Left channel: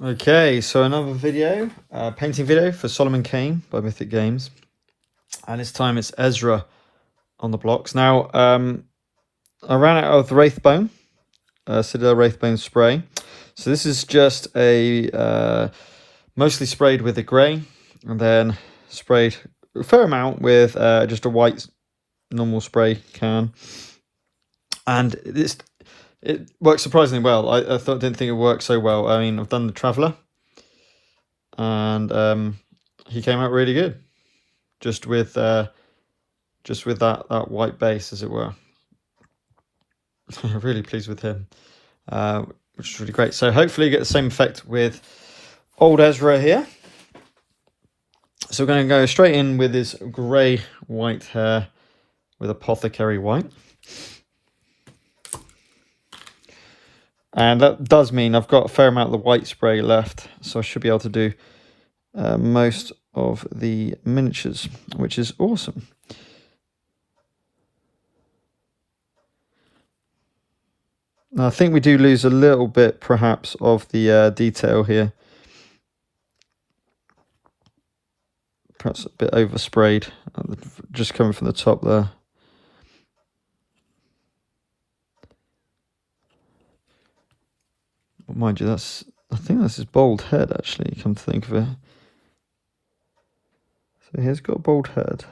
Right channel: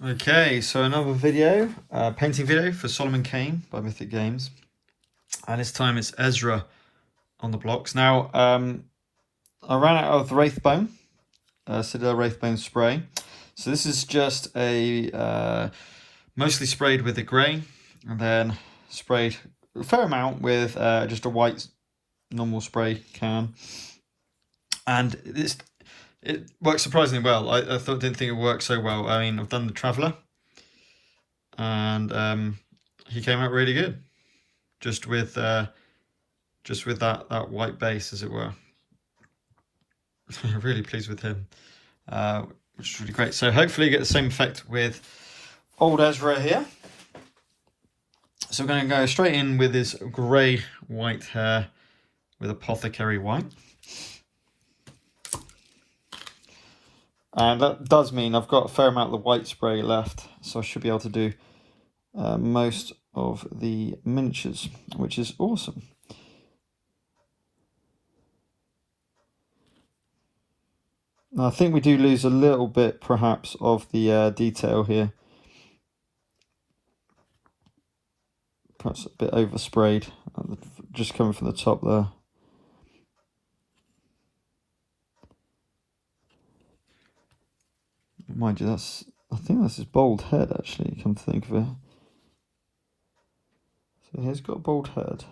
Okay, so another video, painting video for Solomon Kane by Mythic Games. And this time it's Ezra on the blocks. Now, I ran out of the Wraithbone, Citadel Wraithbone spray. So this is just a mostly sprayed with a grey, and then sprayed a fair amount with just a white normal spray can. And it works surprisingly well. I didn't think it would work so well. I mean, I've done the Traveller, and he came out really good, just with that white base, as it were. I'm really pleased with him, which is really great. So hopefully you get the same effect with old Ezra here. So we're going to go straight in with his grey white hair with Apothecary white. And that does mean I've got a fair amount of the white spray left, so I should be able to do most of the miniatures, which is awesome. Now, I think we do lose a little bit, perhaps, of the detail here. Perhaps a bit oversprayed, just coming from the top there. Well, mind you, I think that's his bald head, actually, come to think of it. So he has got a bald head.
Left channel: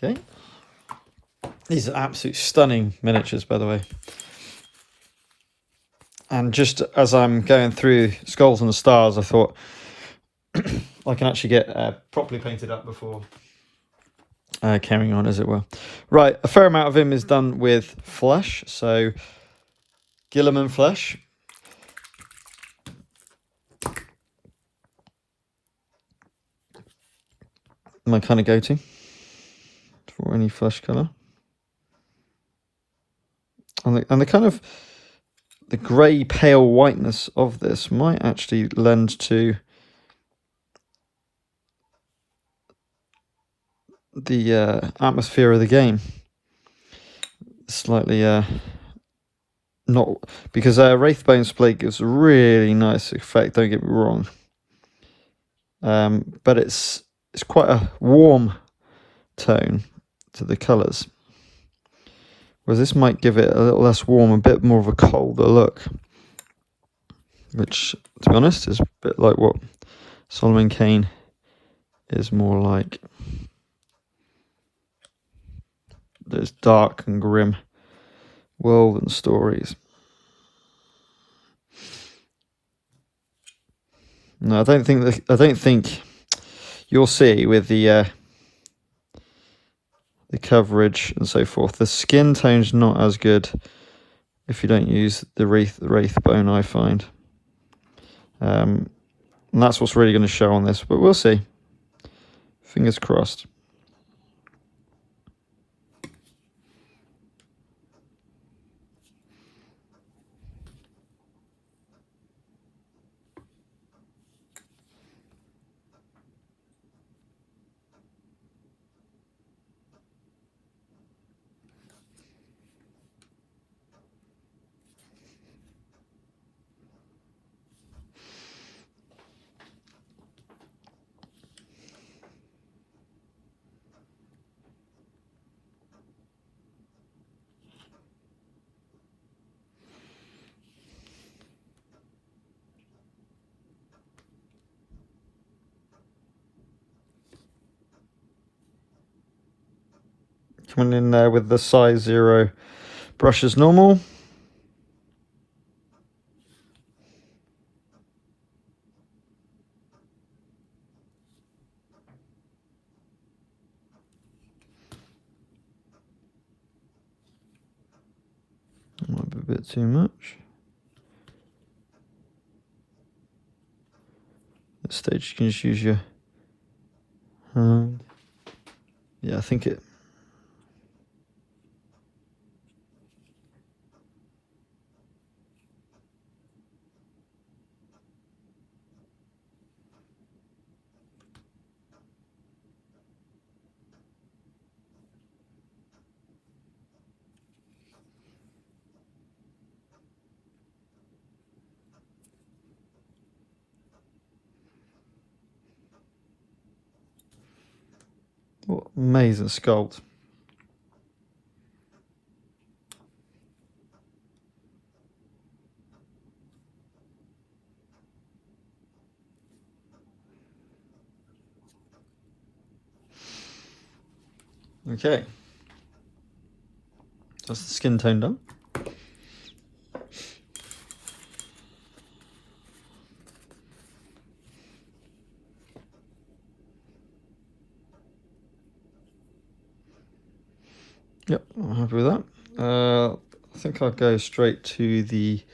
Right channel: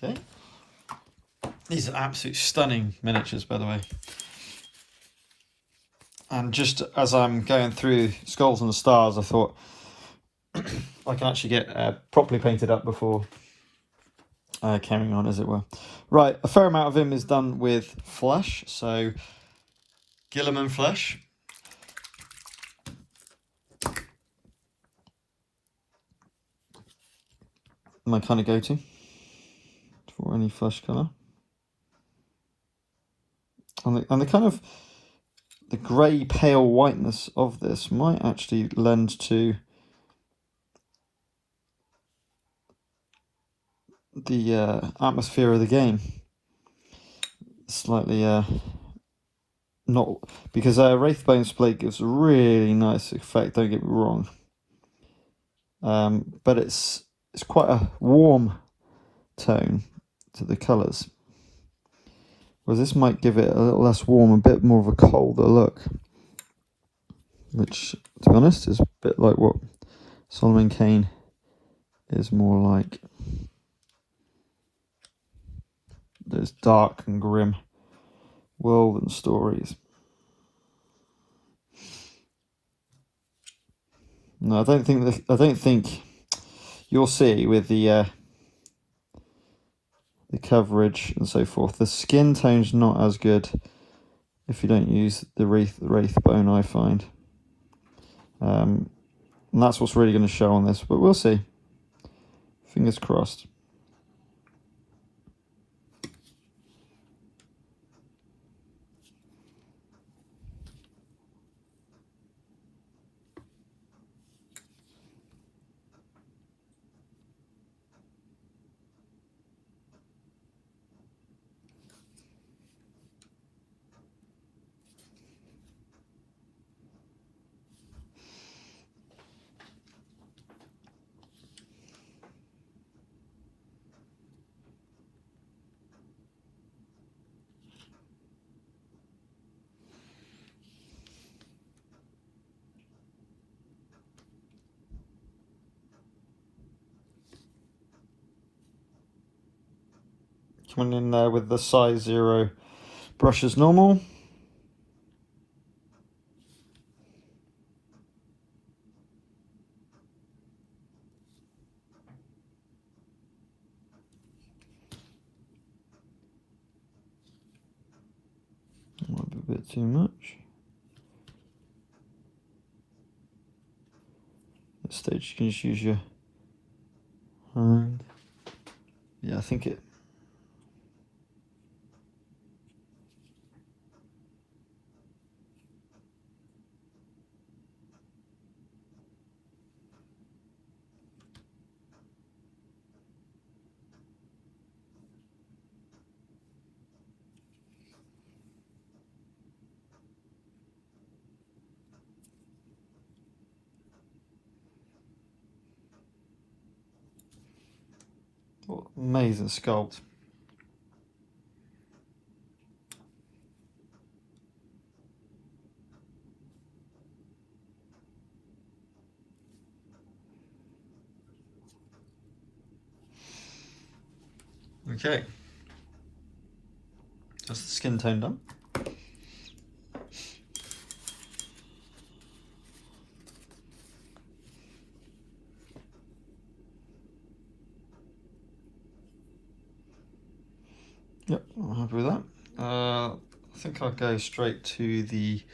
Okay. These are absolute stunning miniatures, by the way. And just as I'm going through Skulls and the Stars, I thought I can actually get properly painted up before carrying on, as it were. Right, a fair amount of him is done with flesh, so Guilliman flesh. My kind of go-to for any flesh colour. And the kind of the grey pale whiteness of this might actually lend to the atmosphere of the game. Slightly not, because Wraithbone spray gives a really nice effect, don't get me wrong. But it's quite a warm tone to the colours. Whereas this might give it a little less warm, a bit more of a colder look. Which, to be honest, is a bit like what Solomon Kane is more like. Those dark and grim world and stories. No, I don't think you'll see with the coverage and so forth. The skin tone's not as good if you don't use the Wraithbone, I find. And that's what's really going to show on this, but we'll see. Fingers crossed. Coming in there with the size 0 brush as normal. Might be a bit too much. this stage you can just use your hand. Yeah, I think it. What amazing sculpt. Okay. That's the skin tone done. Yep, I'm happy with that. I think I'll go straight to the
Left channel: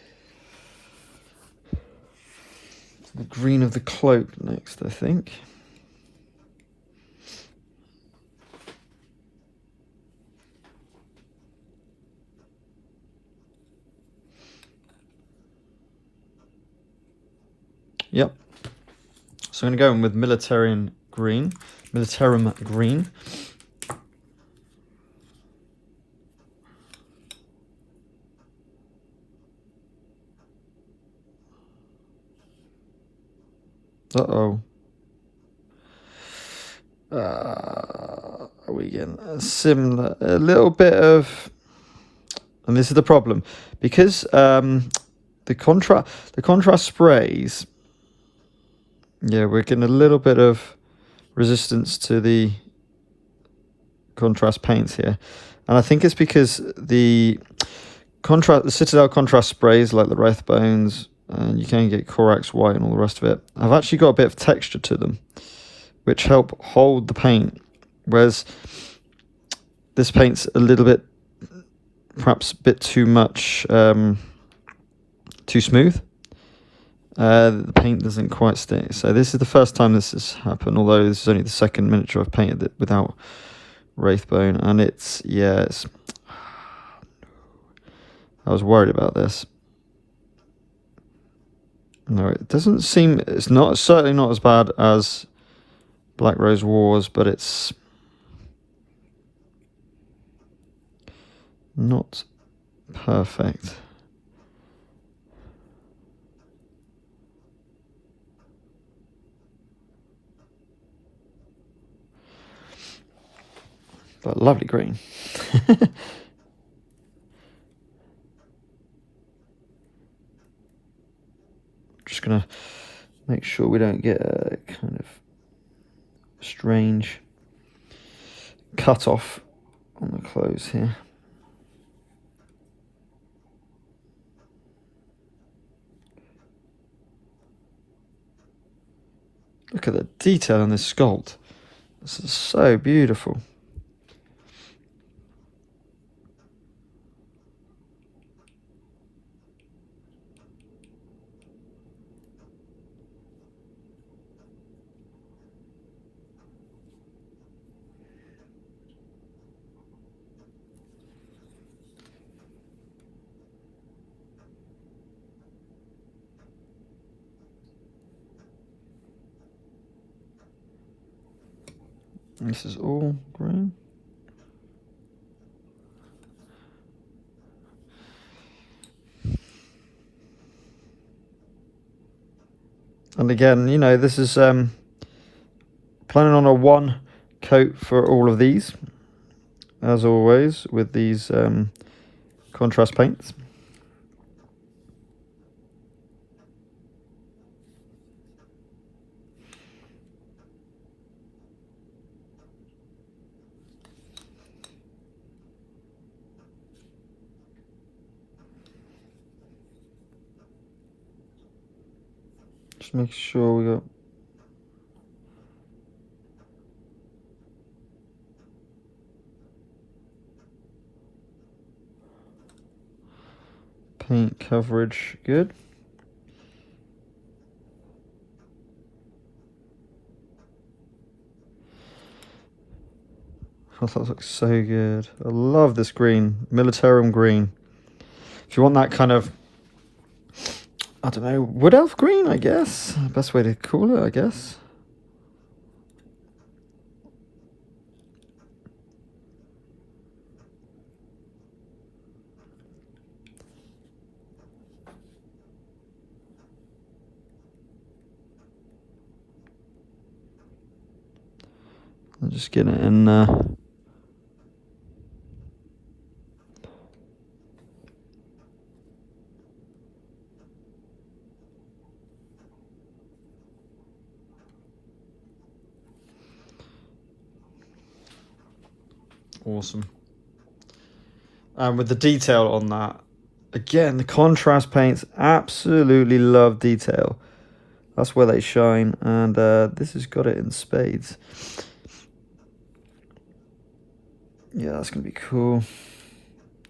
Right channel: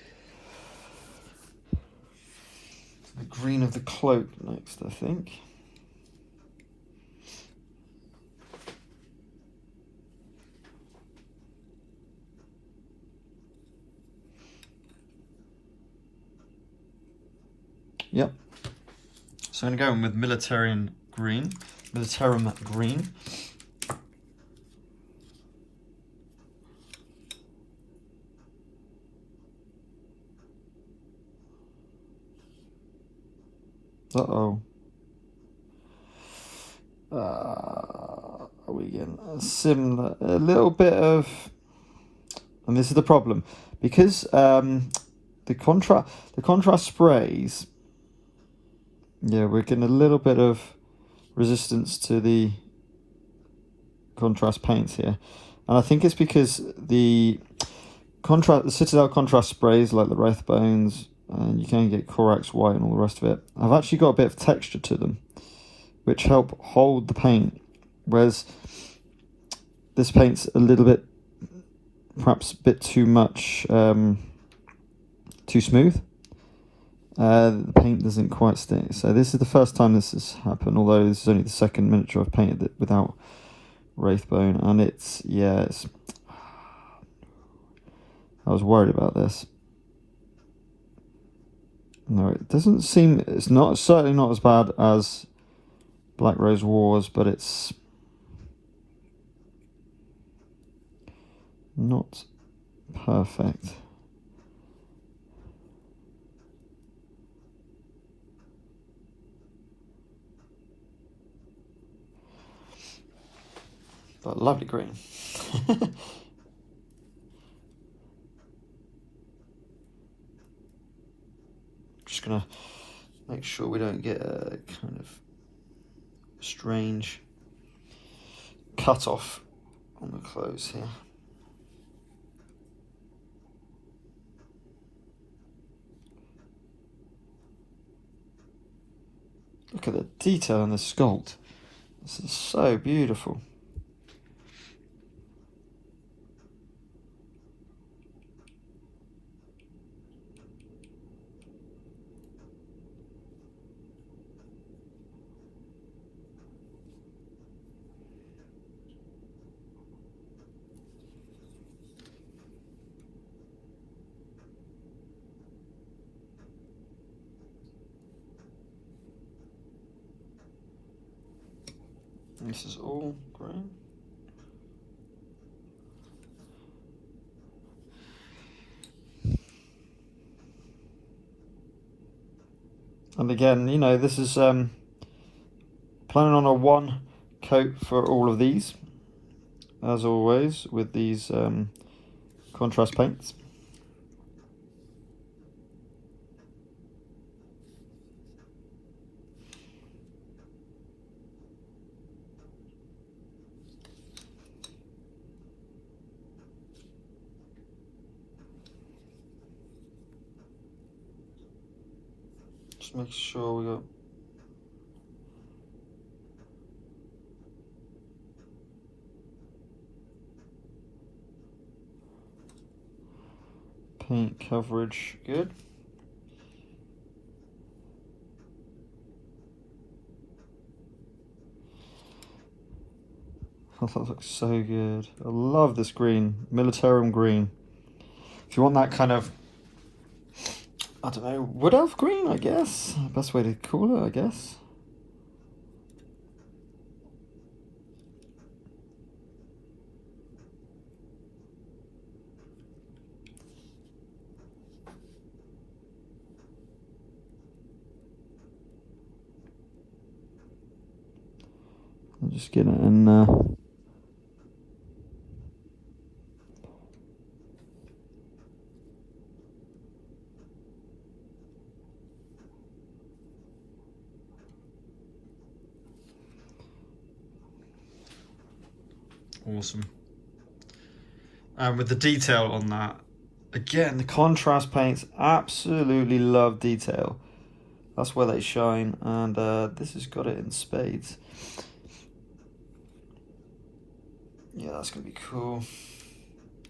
green of the cloak next, I think. Yep. So I'm going to go in with Militarum Green. Uh-oh. Are we getting similar? A little bit of... And this is the problem. Because the contrast sprays... Yeah, we're getting a little bit of resistance to the contrast paints here. And I think it's because the Citadel contrast sprays, like the Wraithbones, and you can get Corax White and all the rest of it, have actually got a bit of texture to them, which help hold the paint, whereas this paint's a little bit, perhaps a bit too much, too smooth. The paint doesn't quite stick. So this is the first time this has happened, although this is only the second miniature I've painted it without Wraithbone, and it's, yeah, it's... I was worried about this. No, it doesn't seem... It's not, certainly not as bad as Black Rose Wars, but it's not perfect. But lovely green. Just gonna make sure we don't get a kind of strange cut off on the clothes here. Look at the detail in this sculpt. This is so beautiful. This is all green. And again, you know, this is planning on a one coat for all of these, as always, with these contrast paints. Just make sure we got paint coverage good. that looks so good. I love this green, Militarum green. If you want that kind of, I don't know, wood elf green, I guess. Best way to call it, I guess. I'll just get it in awesome. And with the detail on that, again, the contrast paints, absolutely love detail. That's where they shine, and this has got it in spades. Yeah, that's gonna be cool.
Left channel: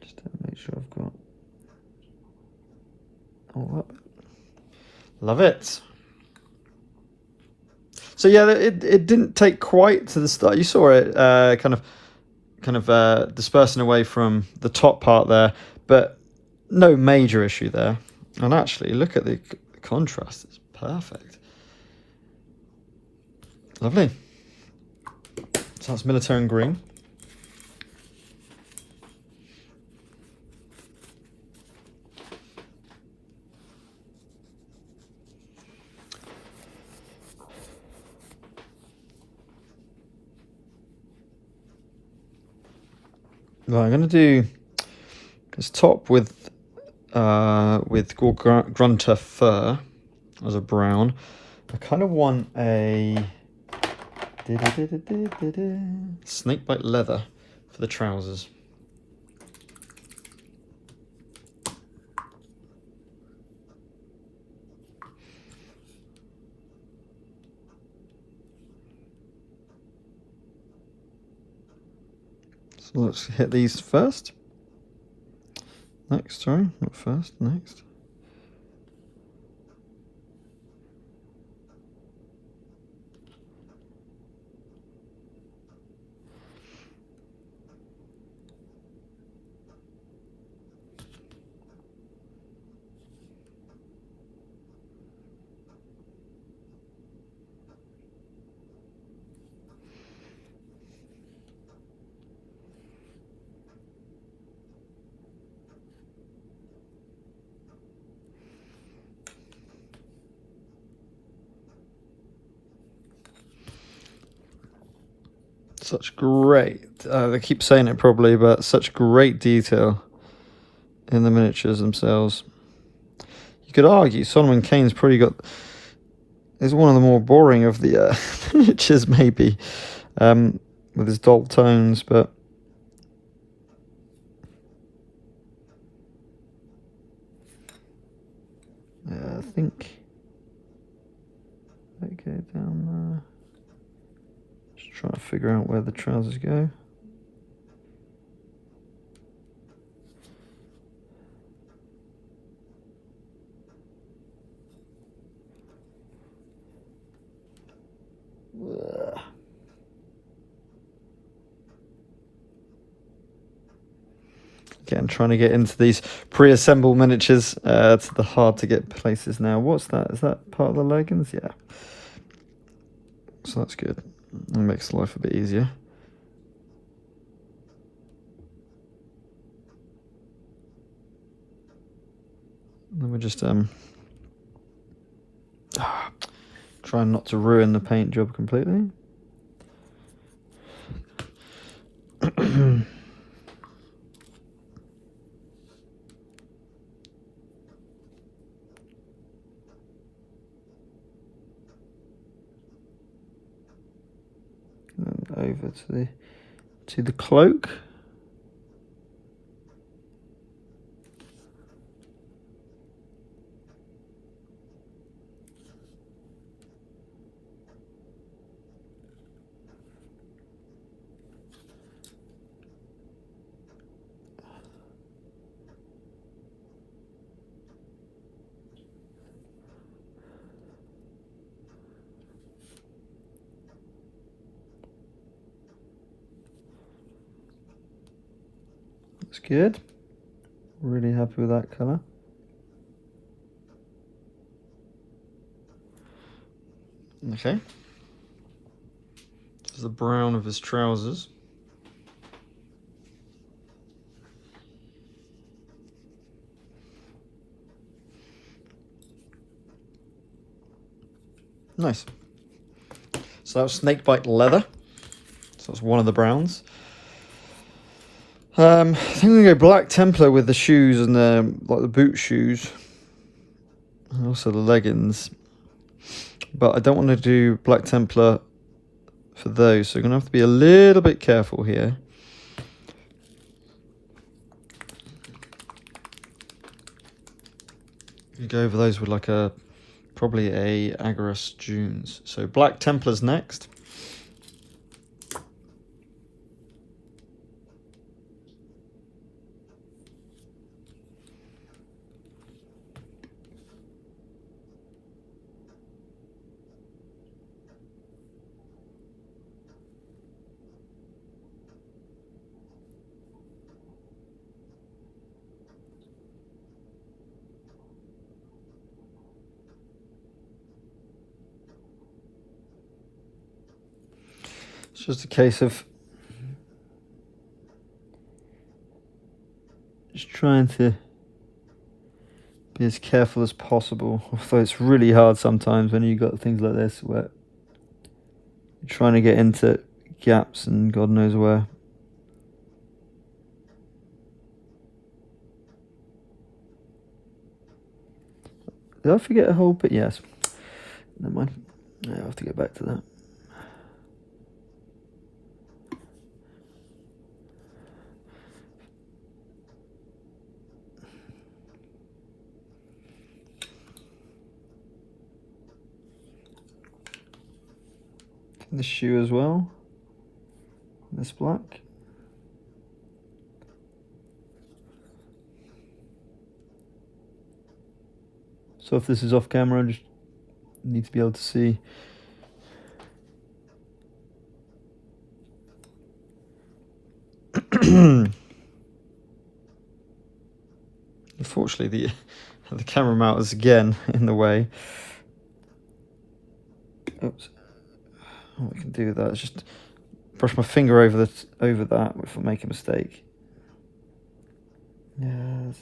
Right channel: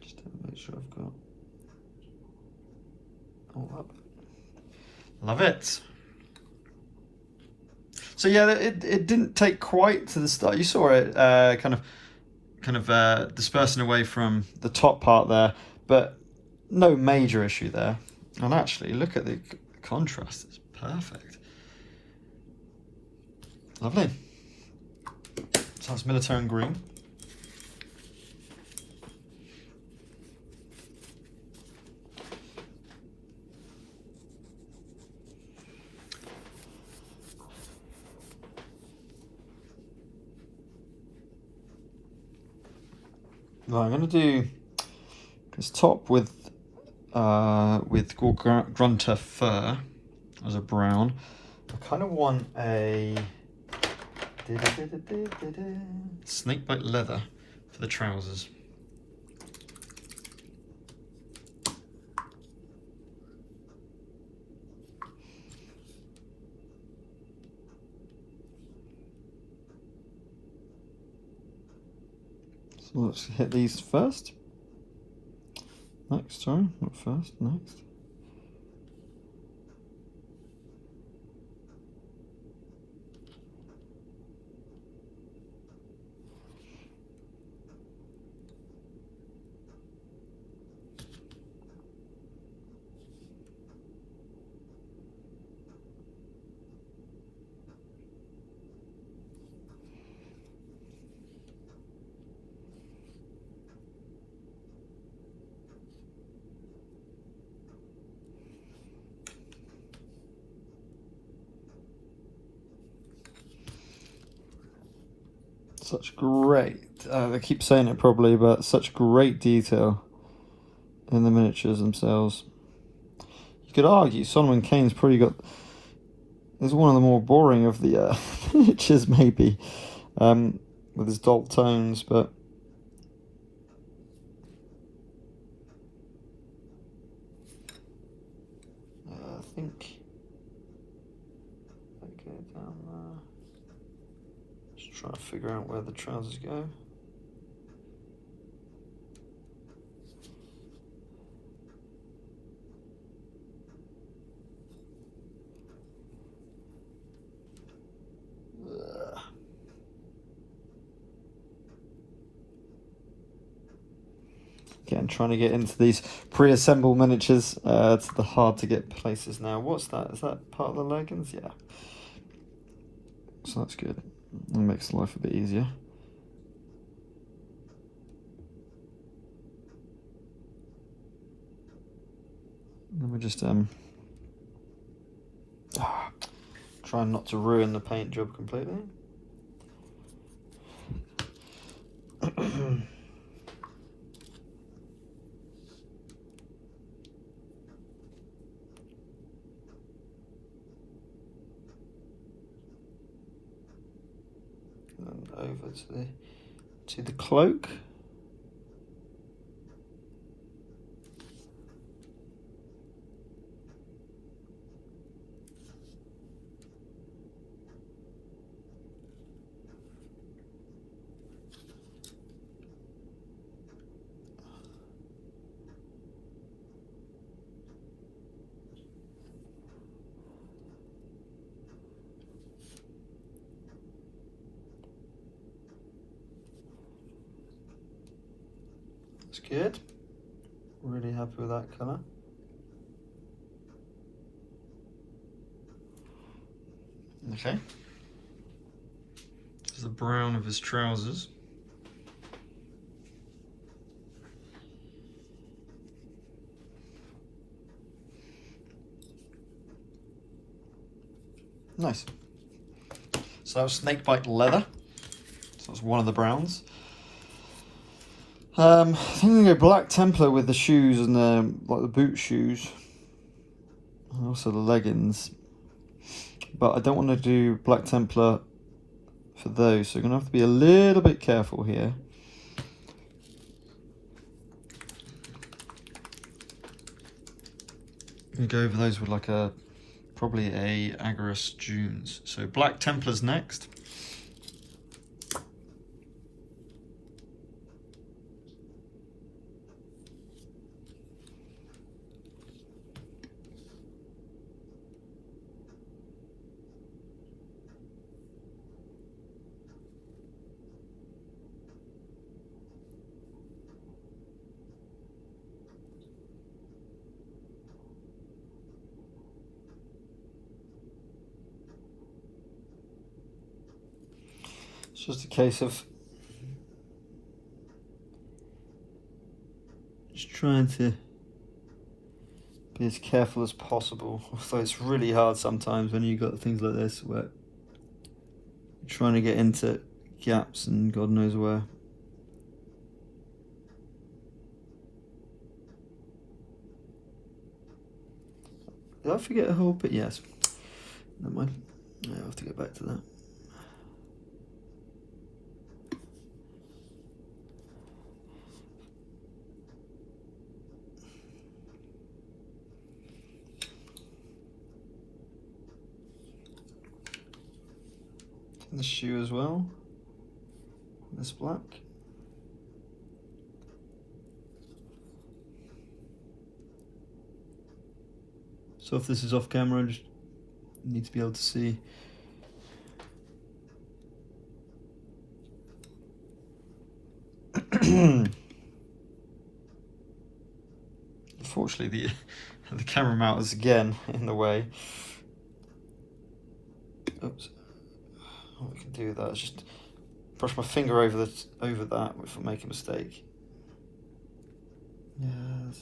Just to make sure I've got all up. Love it. So yeah, it didn't take quite to the start. You saw it kind of dispersing away from the top part there, but no major issue there. And actually, look at the contrast; it's perfect. Lovely. So that's Militarum green. Right, I'm going to do this top with Gore-Grunta Fur as a brown. I kind of want a Snakebite leather for the trousers. So let's hit these first. Next, sorry, not first, next. Such great, I keep saying it probably, but such great detail in the miniatures themselves. You could argue Solomon Kane's probably is one of the more boring of the miniatures maybe, with his dull tones, but I think they go down there. Trying to figure out where the trousers go. Again, trying to get into these pre-assembled miniatures. It's the hard to get places now. What's that? Is that part of the leggings? Yeah. So that's good. It makes life a bit easier. And we're just trying not to ruin the paint job completely. And over to the cloak. good. Really happy with that colour. Okay. This is the brown of his trousers. Nice. So that was Snakebite leather. So that's one of the browns. I think I'm gonna go black Templar with the shoes and the boot shoes, and also the leggings. But I don't want to do black Templar for those, so I'm gonna have to be a little bit careful here. I'm gonna go over those with like probably a Agorist Dunes. So black Templars next. It's just a case of just trying to be as careful as possible. Although it's really hard sometimes when you've got things like this where you're trying to get into gaps and God knows where. Did I forget a whole bit? Yes. Never mind. Yeah, I'll have to get back to that. The shoe as well, this black. So if this is off camera, I just need to be able to see. Unfortunately, the camera mount is again in the way. Oops. All I can do with that is just brush my finger over that if I make a mistake. Yeah.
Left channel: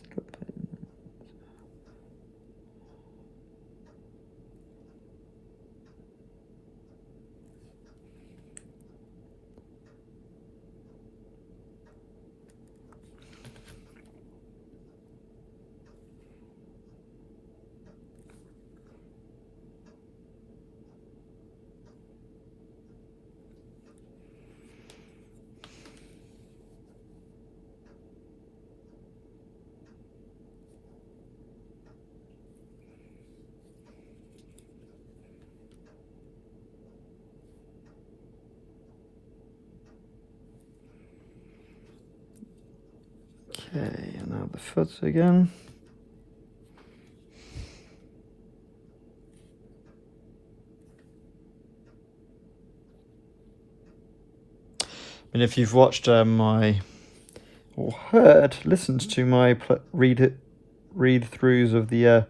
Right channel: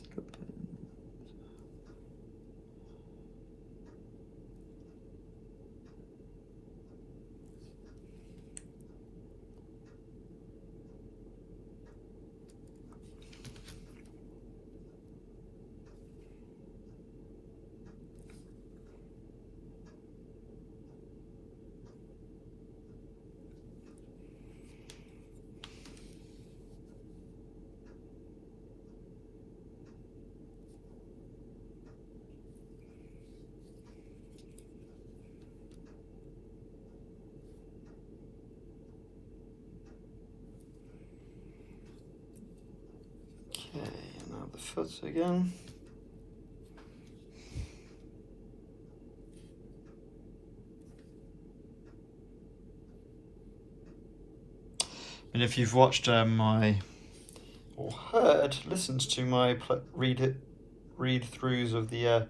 Okay, and now the foot again. And if you've watched listened to my read-throughs of the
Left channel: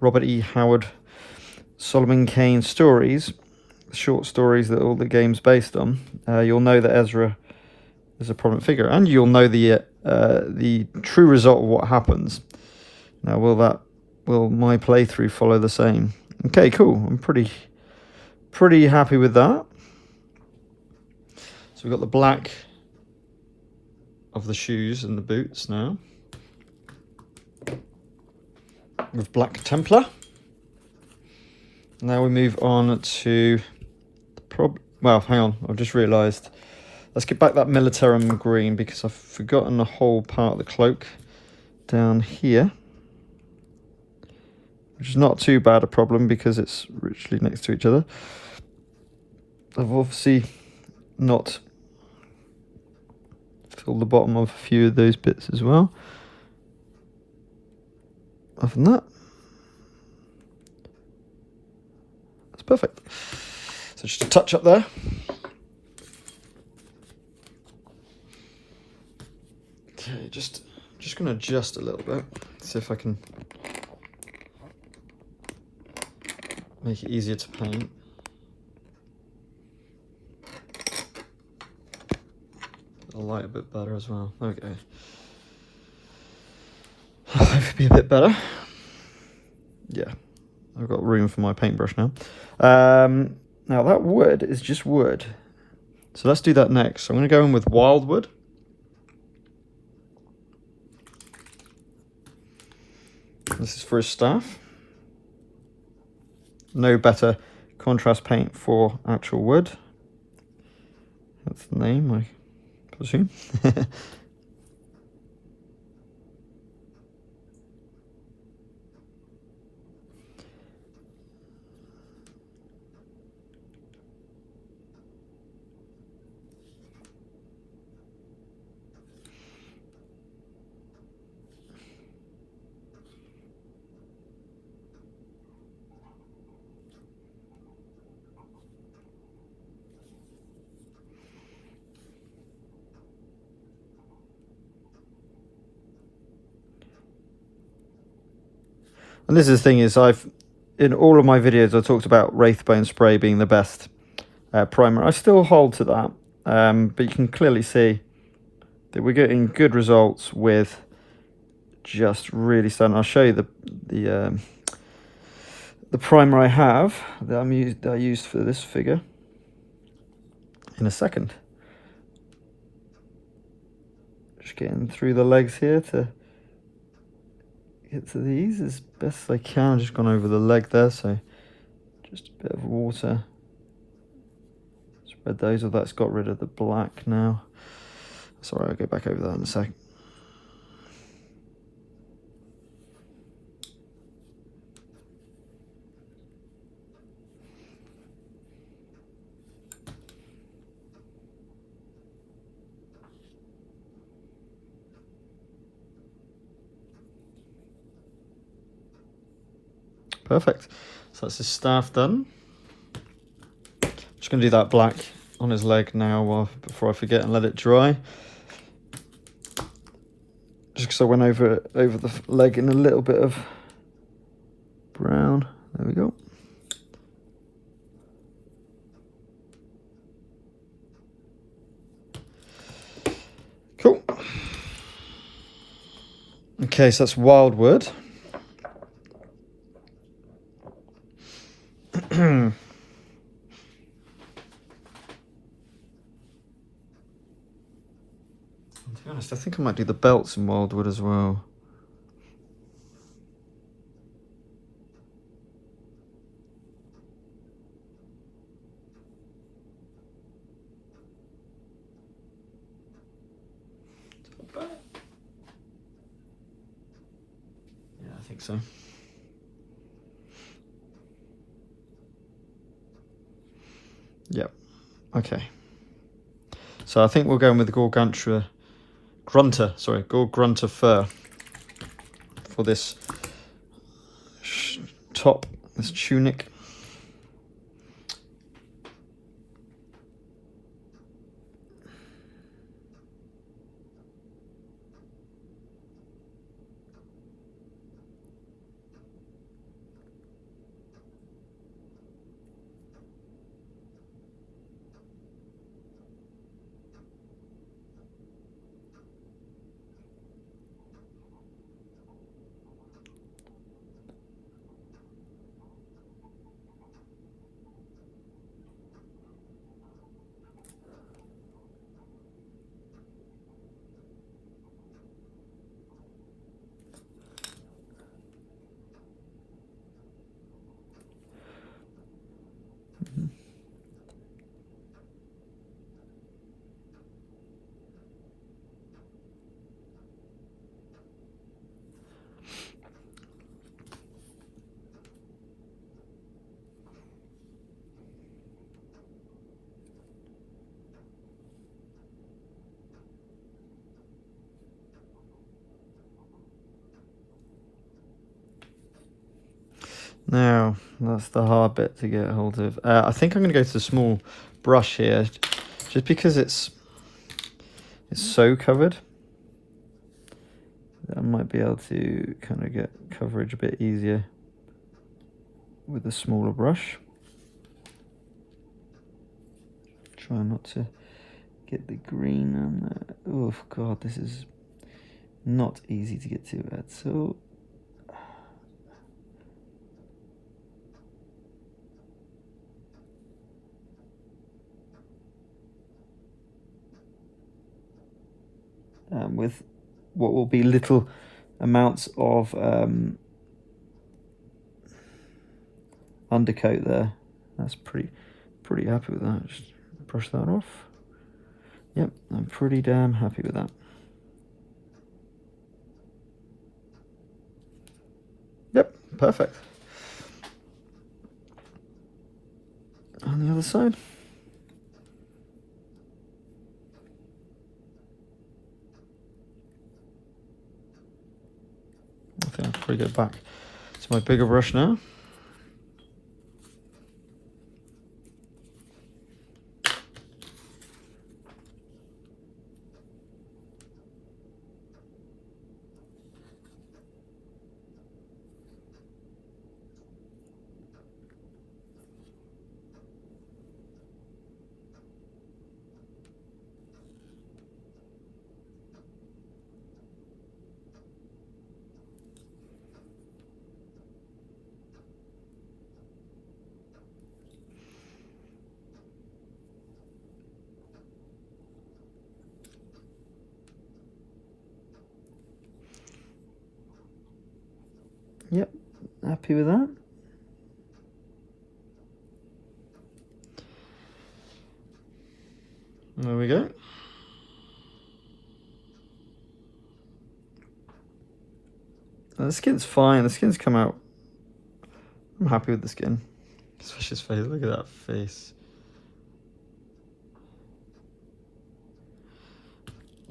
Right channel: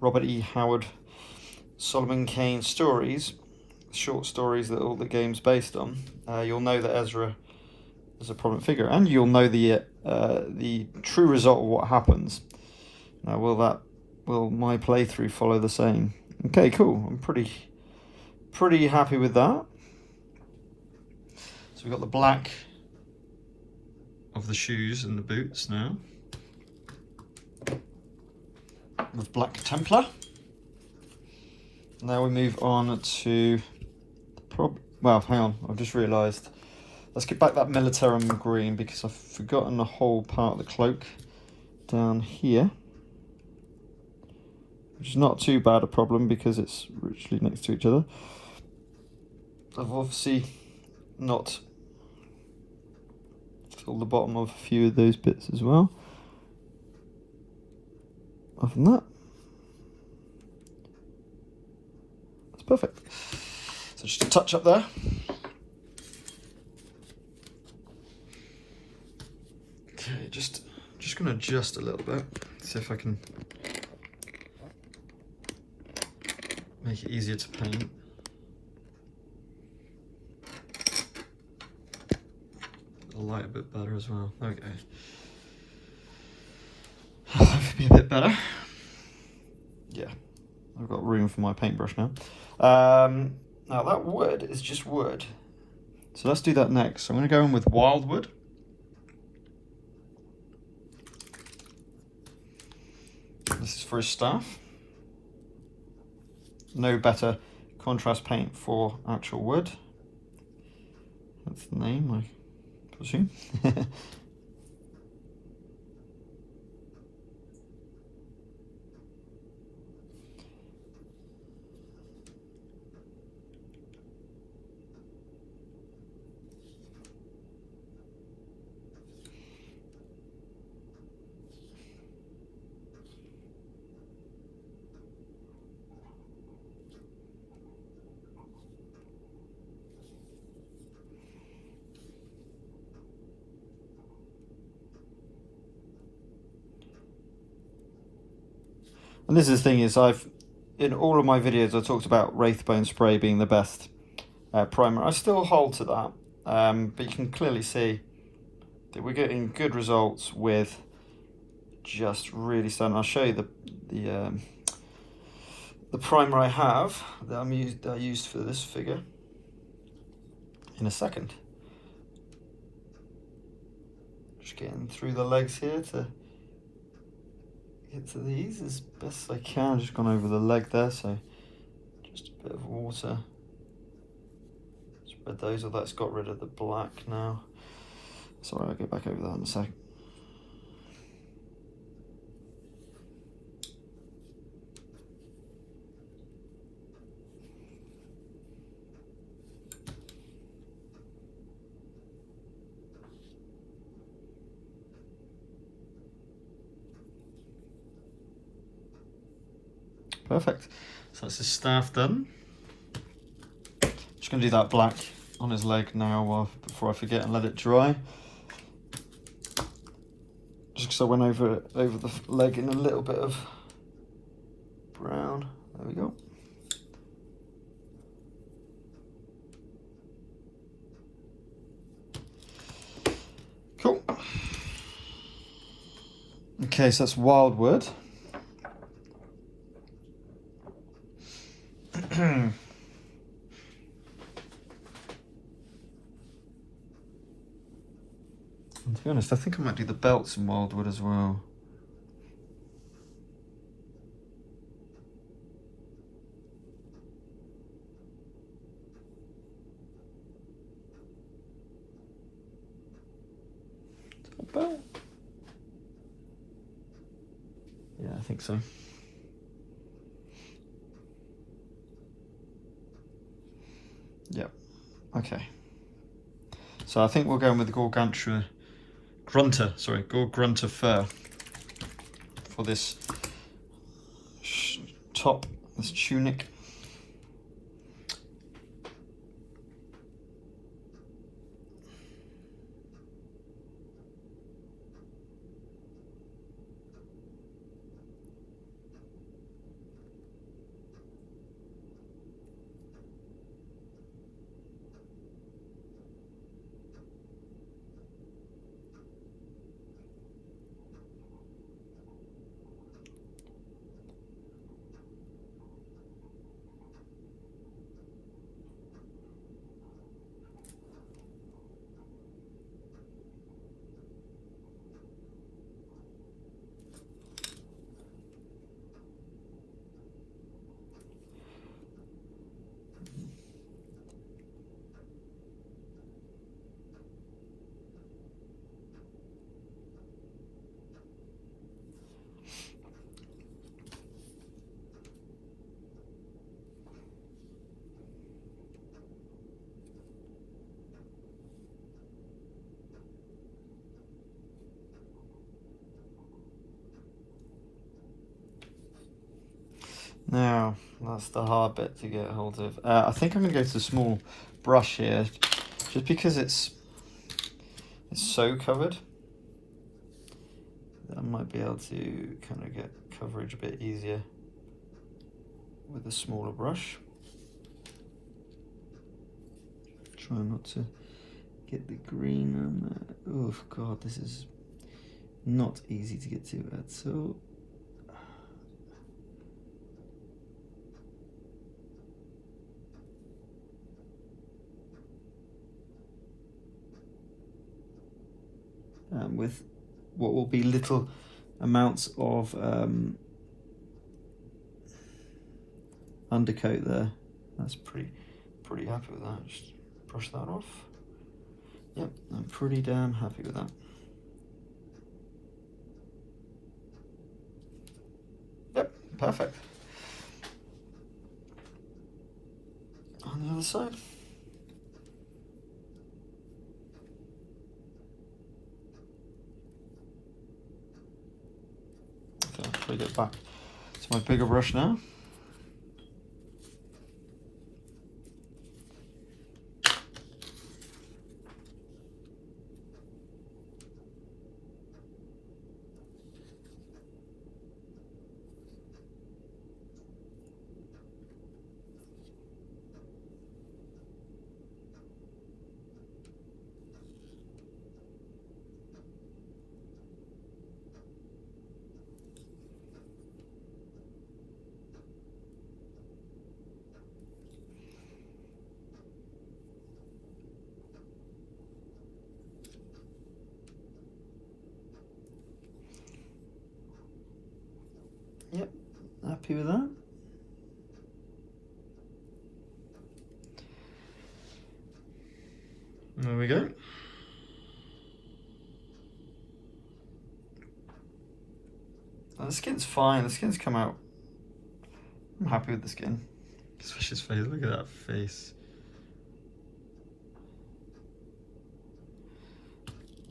Robert E. Howard Solomon Kane stories, short stories that all the game's based on, you'll know that Ezra is a prominent figure, and you'll know the true result of what happens. Now, will my playthrough follow the same? Okay, cool. I'm pretty happy with that. So we've got the black of the shoes and the boots now, with black Templar. Now we move on to well, hang on, I've just realised. Let's get back that Militarum green because I've forgotten the whole part of the cloak down here, which is not too bad a problem because it's richly next to each other. I've obviously not filled the bottom of a few of those bits as well. Other than that, that's perfect. So just a touch up there. Okay, just Just going to adjust a little bit, see if I can make it easier to paint. The light a bit better as well. Okay. Hopefully be a bit better. Yeah, I've got room for my paintbrush now. Now that wood is just wood. So let's do that next. So I'm going to go in with Wyldwood. This is for a staff. No better contrast paint for actual wood. That's the name, I presume. And this is the thing is, in all of my videos I talked about Wraithbone spray being the best primer. I still hold to that, but you can clearly see that we're getting good results with just really stunning. I'll show you the primer I have that I used for this figure in a second. Just getting through the legs here to get to these as best as I can. I've just gone over the leg there, so just a bit of water. Spread those, or that's got rid of the black now. Sorry, I'll get back over that in a sec. Perfect. So that's his staff done. Just going to do that black on his leg now before I forget and let it dry. Just because I went over the leg in a little bit of brown. There we go. Cool. Okay, so that's Wyldwood. To be honest, I think I might do the belts in Wyldwood as well. Yeah, I think so. Yep. Okay. So I think we'll go in with the Gore-Grunta Fur for this top, this tunic. Now, that's the hard bit to get hold of. I think I'm going to go to the small brush here, just because it's so covered. might be able to kind of get coverage a bit easier with a smaller brush. Try not to get the green on there. Oh god, this is not easy to get to at all. With what will be little amounts of undercoat there. That's pretty happy with that. Just brush that off. Yep, I'm pretty damn happy with that. Yep, perfect. On the other side. Okay, I'll probably get back to my bigger brush now. Yep, happy with that. There we go. The skin's fine, the skin's come out. I'm happy with the skin. Switch his face, look at that face.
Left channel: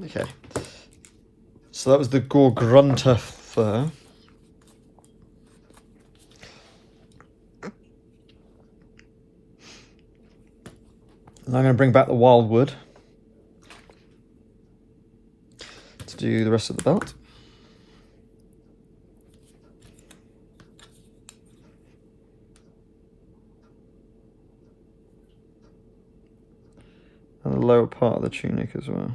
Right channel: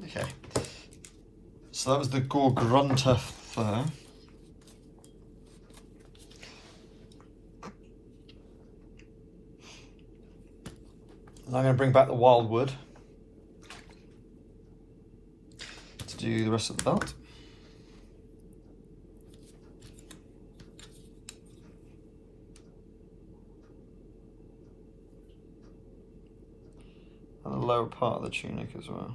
Okay. So that was the Gore-Grunta Fur. And I'm going to bring back the Wyldwood to do the rest of the belt. And the lower part of the tunic as well.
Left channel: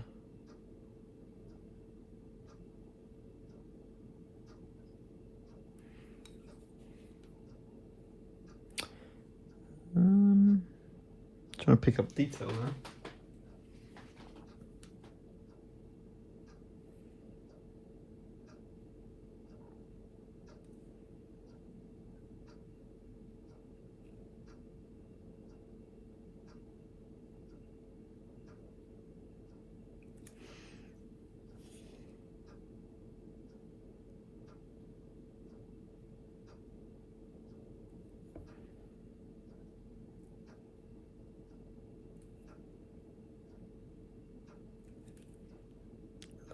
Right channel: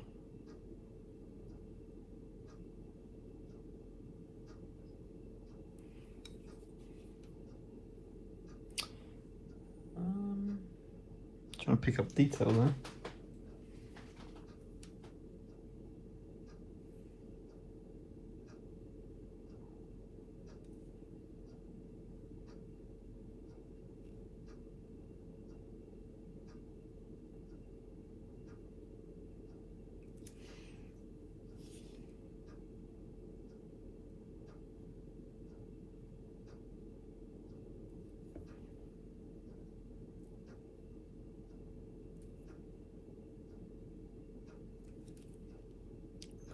Trying to pick up detail there.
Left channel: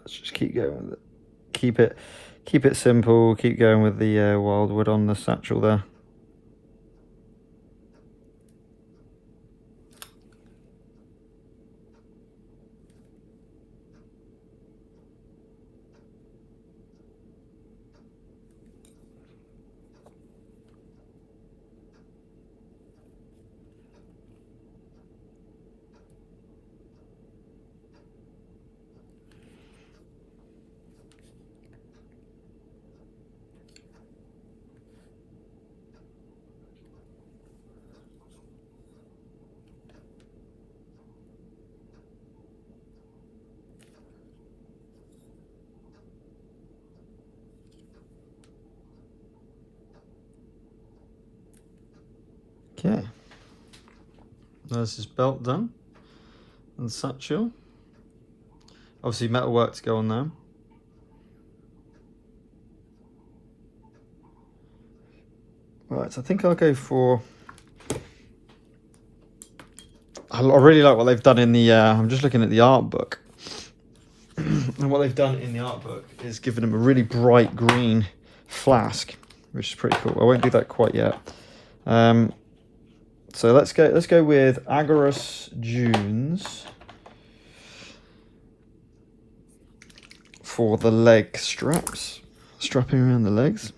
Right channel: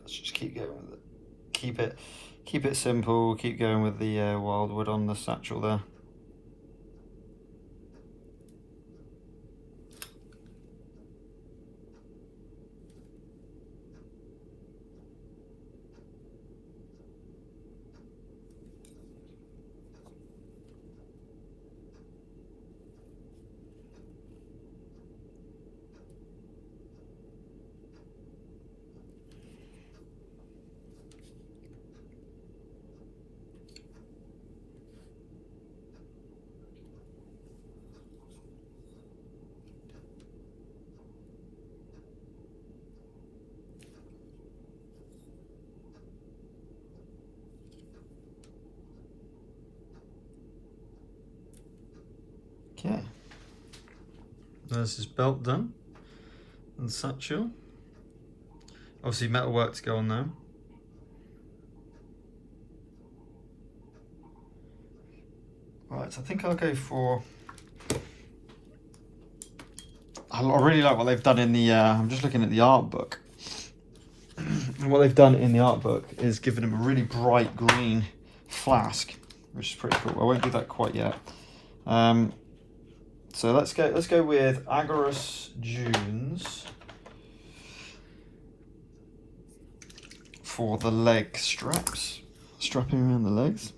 Let's just keep going with it. Keep it simple. Keep going with the Wyldwood on the satchel there. Okay, there's his belt done, and satchel. Obviously metal work to go on there. Right, so I think I'll go for, I really like what they've done in the, I'm just looking at the art book. And what they've done in the art book is given him a really bright green flask, which is pretty cool. I won't do that quite yet. So let's go with Agorous Dunes for the leg straps, strapping around the legs.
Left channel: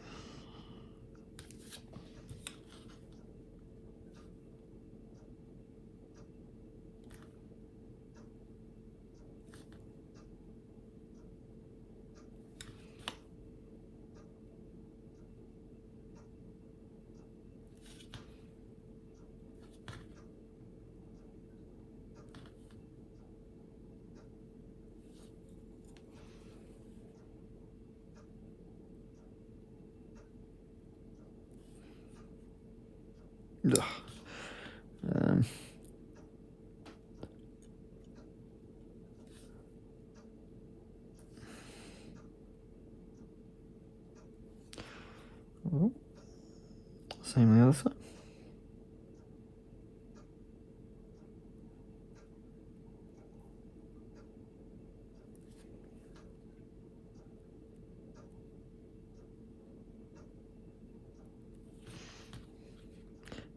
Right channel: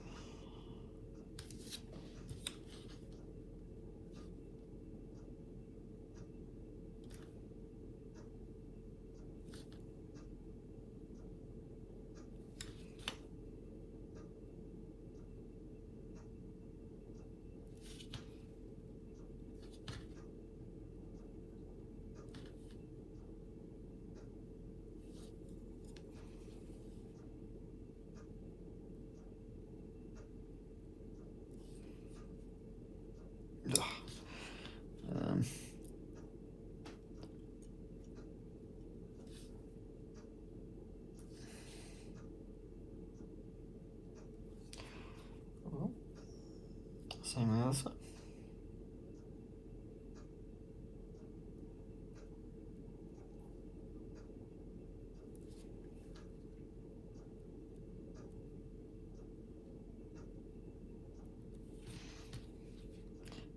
Same on the other side.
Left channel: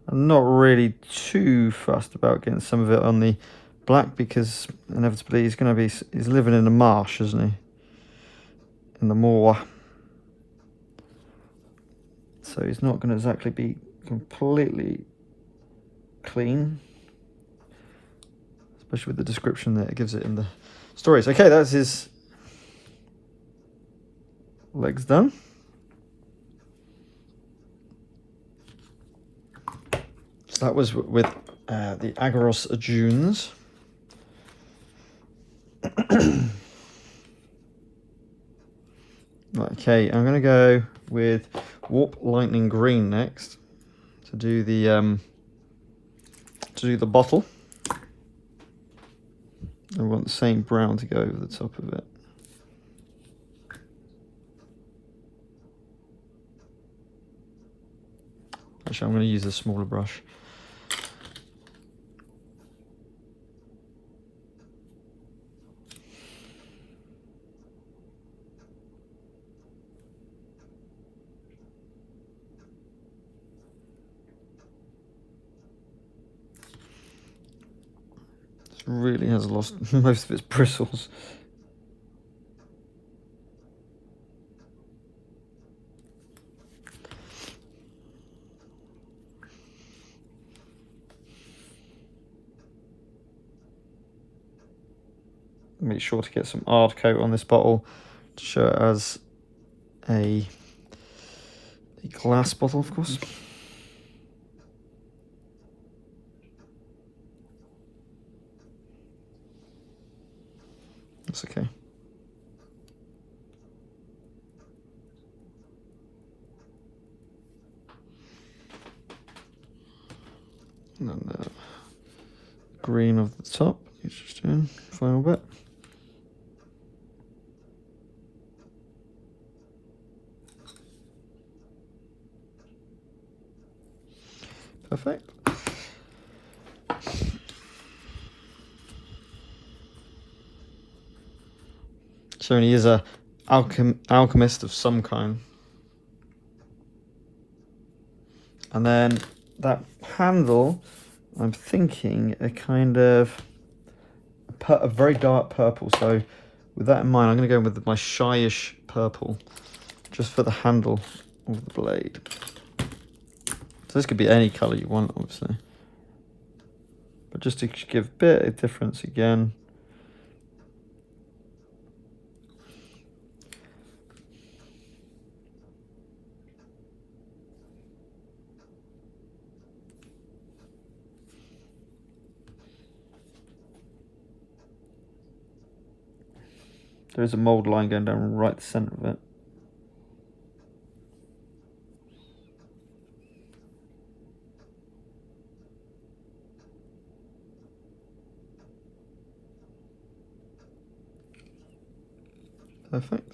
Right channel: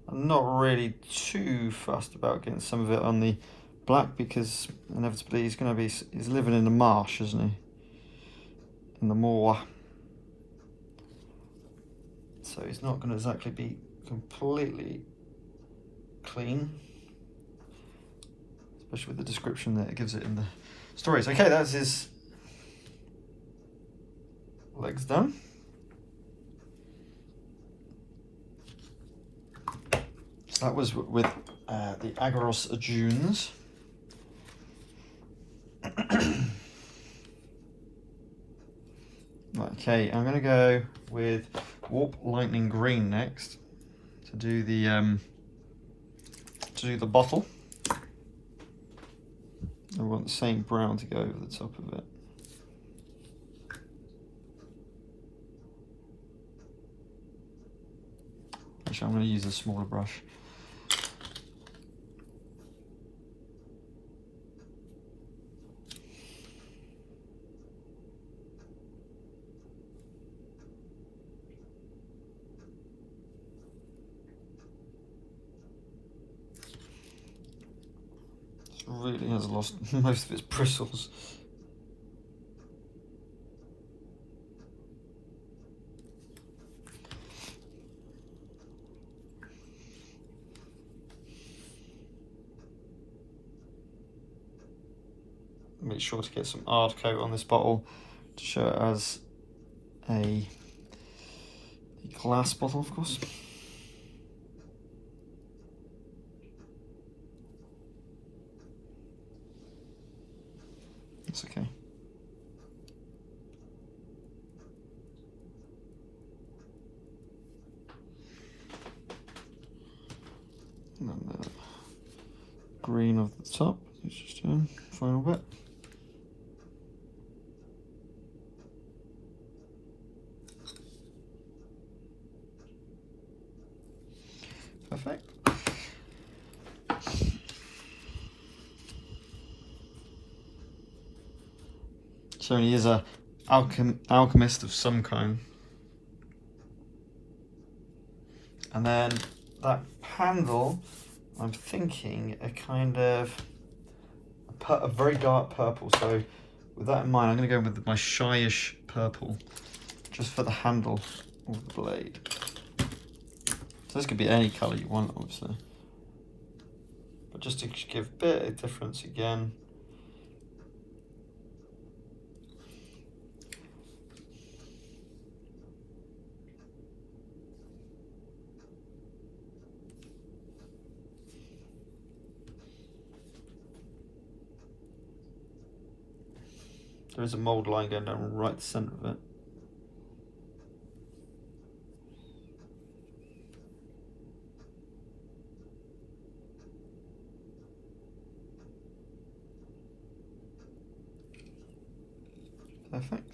I'm not really too fussed about getting some of it on the black because inevitably he's living in the marsh, isn't he? In the moor. So he's not going to exactly be completely clean, especially with the description that it gives it in the stories. Okay, that's his legs done. So that was with the Agros Dunes. Okay, I'm going to go with Warp Lightning Green next to do the bottle. I want the same brown to go over the top of it. Actually, I'm going to use a smaller brush. Really has lost most of its bristles. Make sure to get some hard coat on this bottle to show it as a glass bottle, of course. That's okay. And then the green of the top, it's just doing final bit. Perfect. So he is a alchemist of some kind. And then that handle, I'm thinking a kind of a very dark purple. So with that in mind, I'm going to go with my shyish purple, just for the handle of the blade. So this could be any colour you want, obviously. But just to give a bit of difference again. There is a mould line going down right the centre of it. Perfect.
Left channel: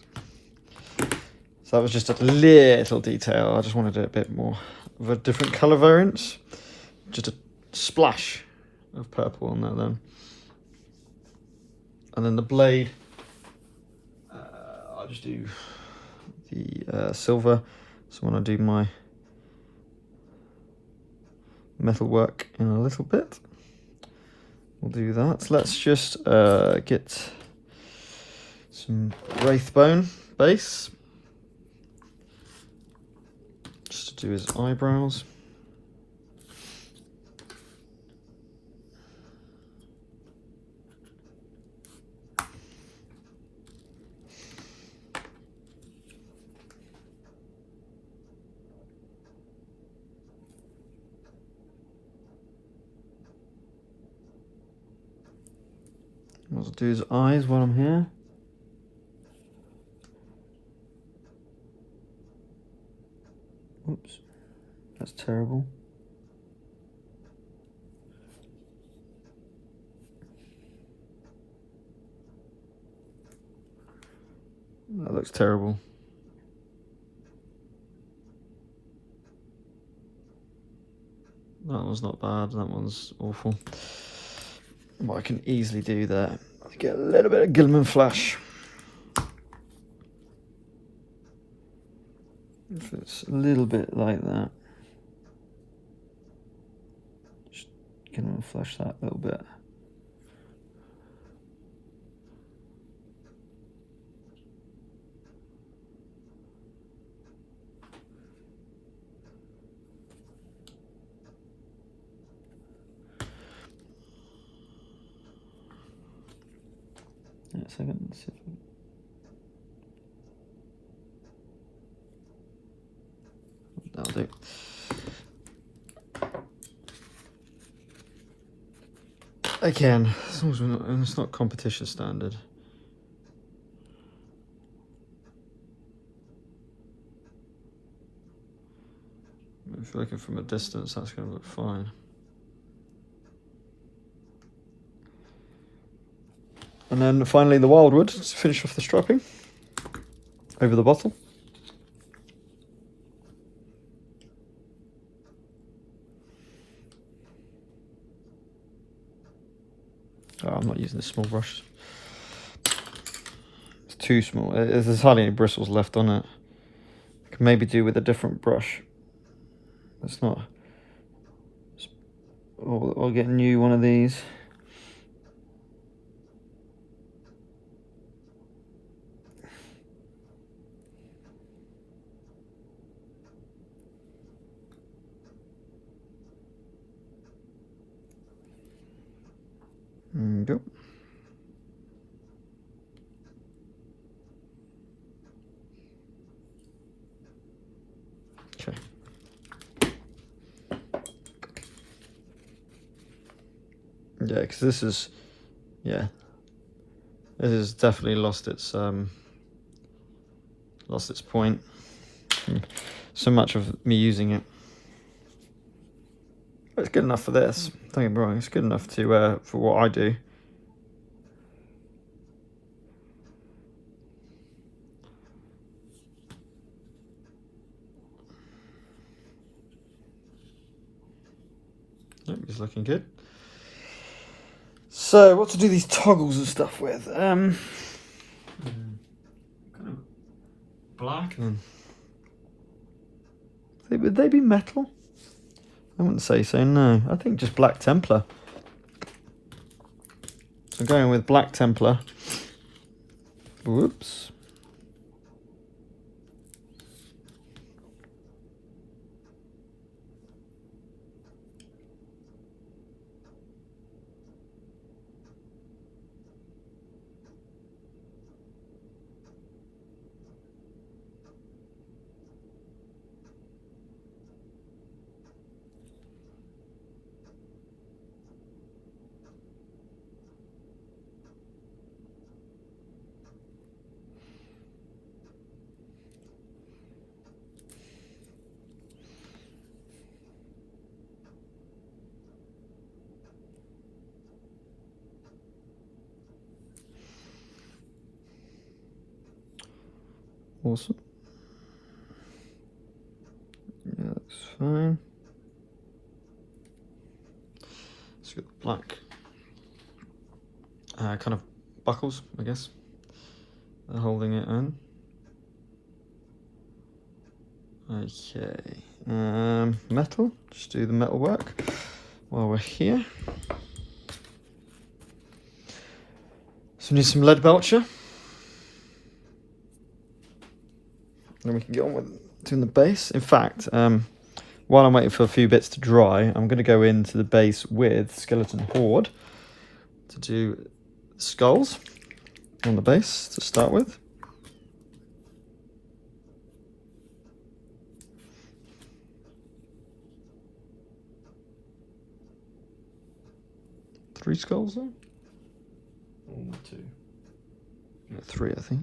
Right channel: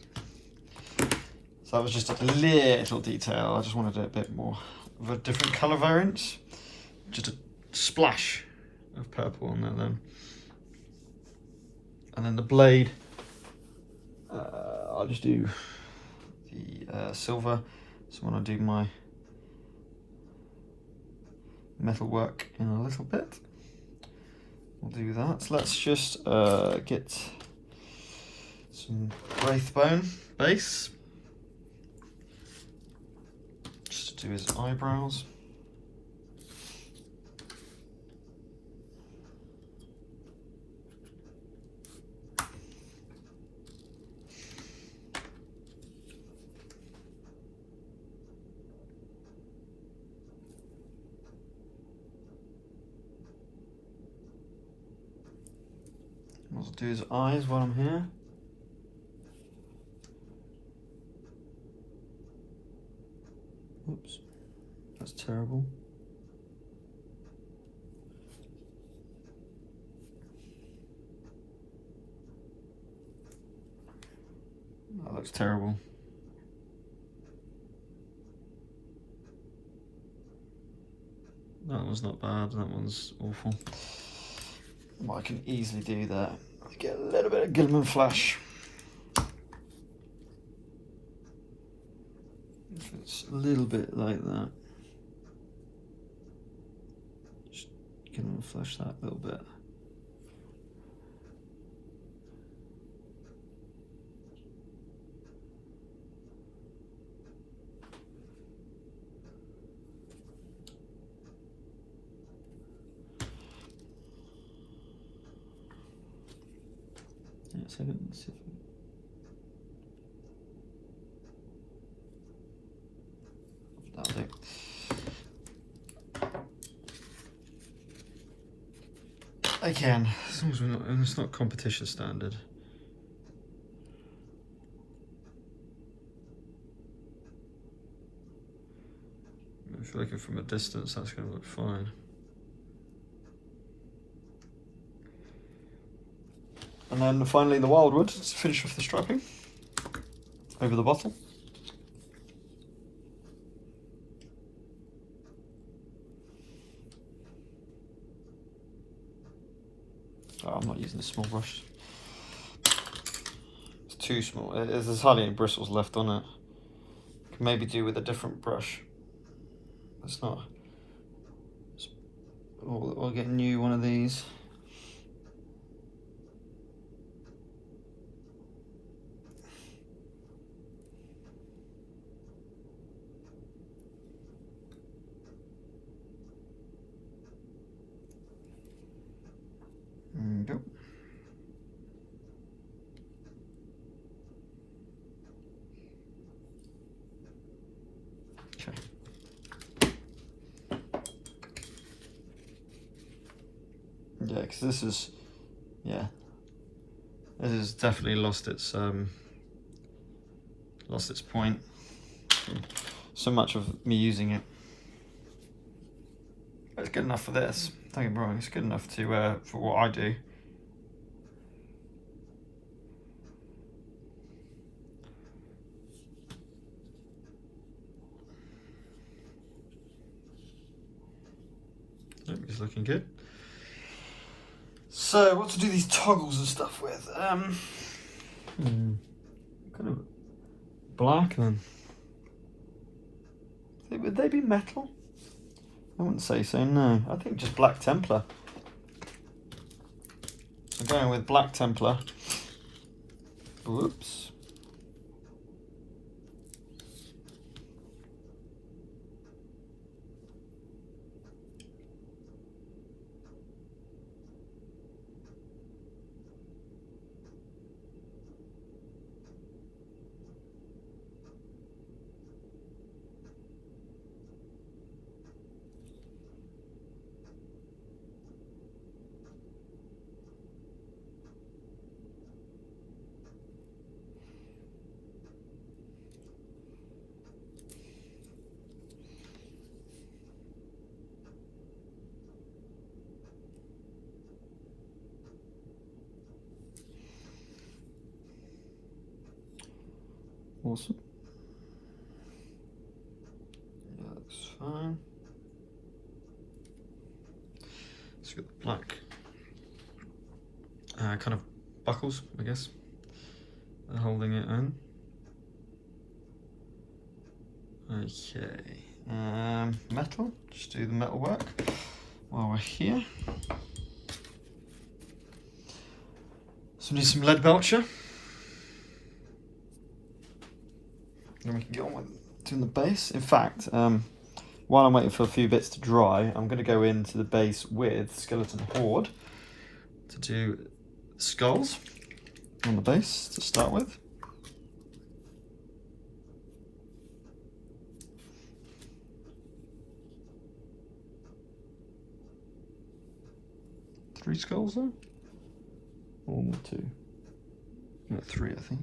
So that was just a little detail. I just wanted a bit more of a different colour variance. Just a splash of purple on that then. And then the blade, I'll just do the silver. So when I do my metal work in a little bit, we'll do that. So let's just get Some Wraithbone base, just to do his eyebrows. I'll do his eyes while I'm here. Oops, that's terrible. That looks terrible. That one's not bad, that one's awful. But I can easily do that. I get a little bit of Guilliman flash. If it's a little bit like that, just Guilliman flash that a little bit. Yeah, a second, let's see if that'll do. Again, as long as it's not competition standard. If you're looking from a distance, that's going to look fine. And then finally the Wyldwood to finish off the stropping over the bottom. Oh, I'm not using this small brush. It's too small. There's hardly any bristles left on it. I can maybe do with a different brush. That's not. I'll get a new one of these. There you go. Okay. Yeah, because this is, yeah, this has definitely lost its point. So much of me using it. It's good enough for this. Don't get me wrong. It's good enough to for what I do. It's looking good. So, what to do these toggles and stuff with? Kind of black then. Would they be metal? I wouldn't say so, no. I think just black Templar. So going with black Templar. Whoops. Awesome. Yeah, that's fine. It's got black kind of buckles, I guess, holding it in. Okay, metal. Just do the metal work while we're here. So we need some Leadbelcher. Then we can get on with doing the base. In fact, while I'm waiting for a few bits to dry, I'm going to go into the base with Skeleton Horde to do skulls on the base to start with. Three skulls there? Or 2? Yeah, 3 I think.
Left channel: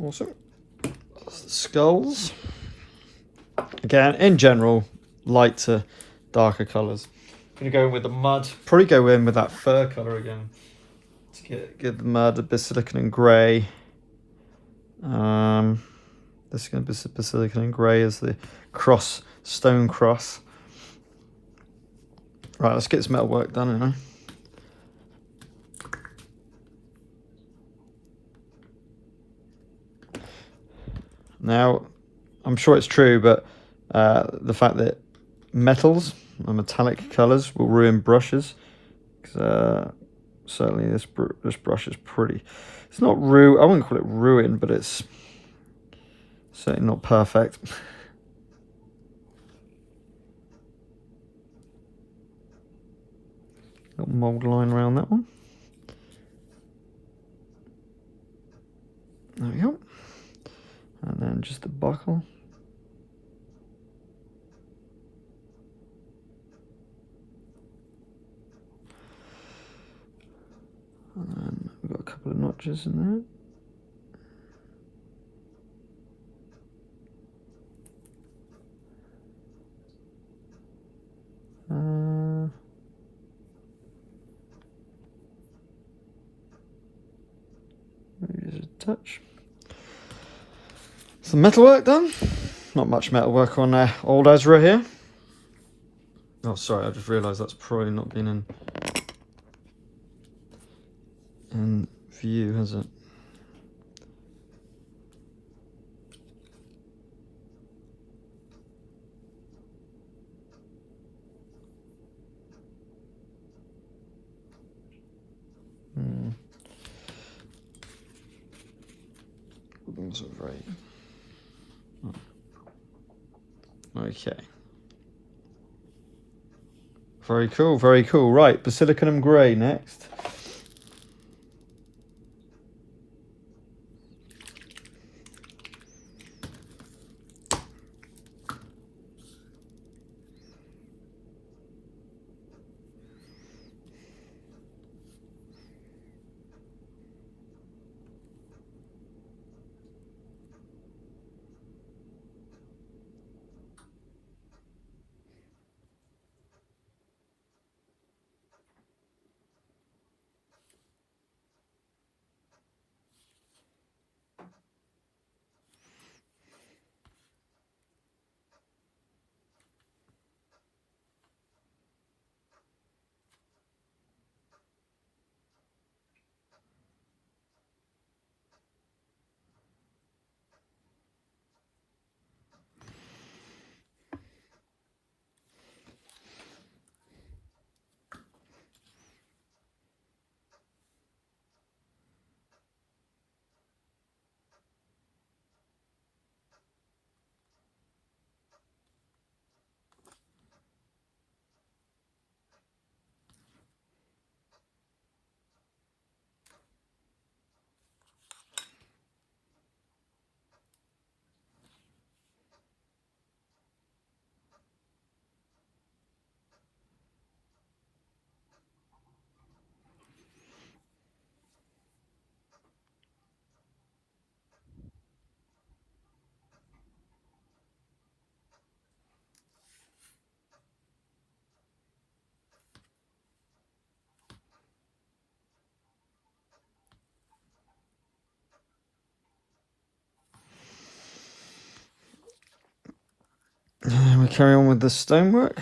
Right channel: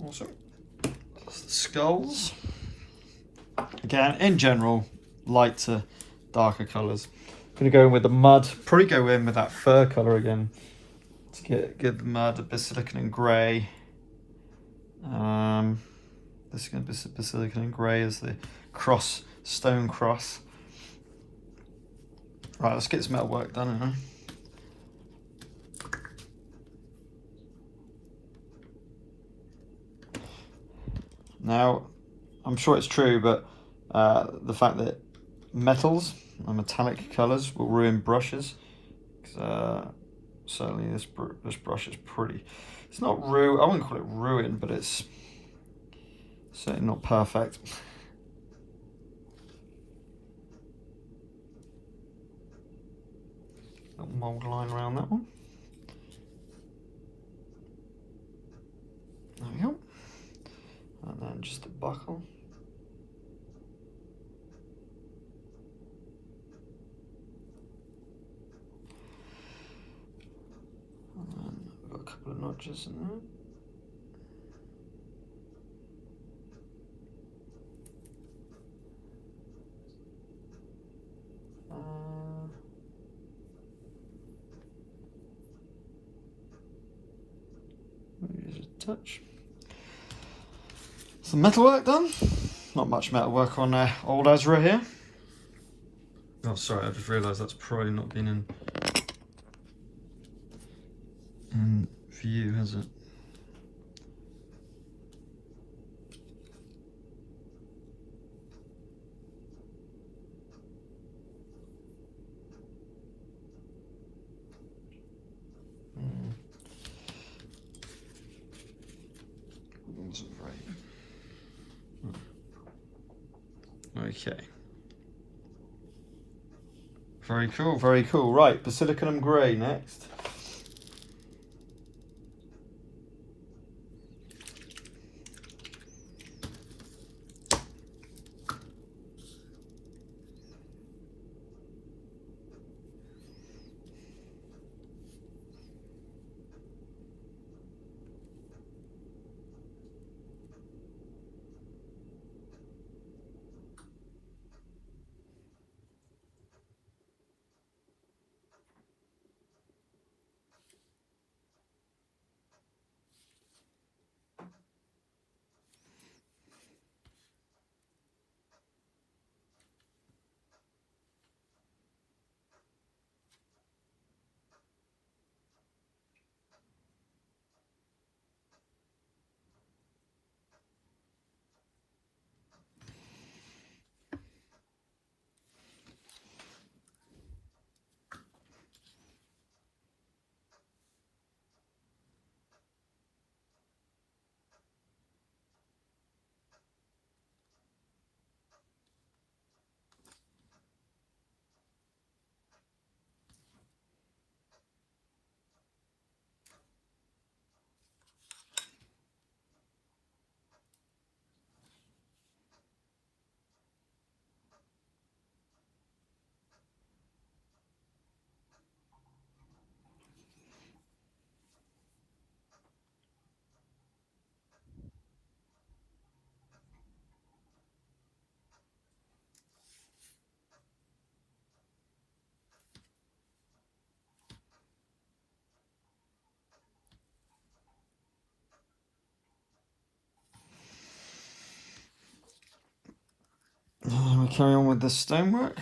Awesome. Skulls. Again, in general, light to darker colours. I'm going to go in with the mud. Probably go in with that fur colour again to get the mud, a Basilicanum Grey. This is going to be Basilicanum Grey as the cross, stone cross. Right, let's get this metal work done, you know. Now, I'm sure it's true, but the fact that metals or metallic colours will ruin brushes, certainly this brush is pretty. It's not I wouldn't call it ruined, but it's certainly not perfect. Little mould line around that one. There we go. And then just a buckle. And then we've got a couple of notches in there. Maybe just a touch. Some metal work done. Not much metal work on old Ezra here. Oh, sorry, I just realised that's probably not been in view, has it? Okay. Very cool, very cool. Right, Basilicanum Grey next. carry on with the stonework.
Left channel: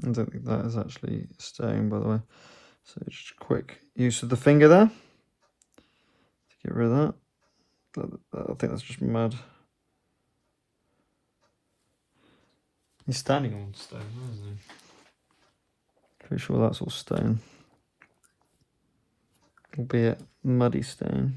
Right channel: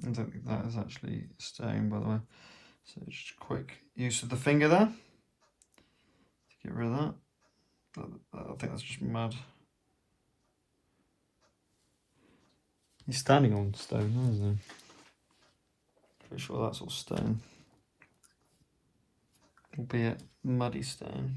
I don't think that is actually stone, by the way. So just a quick use of the finger there to get rid of that. I think that's just mud. He's standing on stone, isn't he? Pretty sure that's all stone. Albeit muddy stone.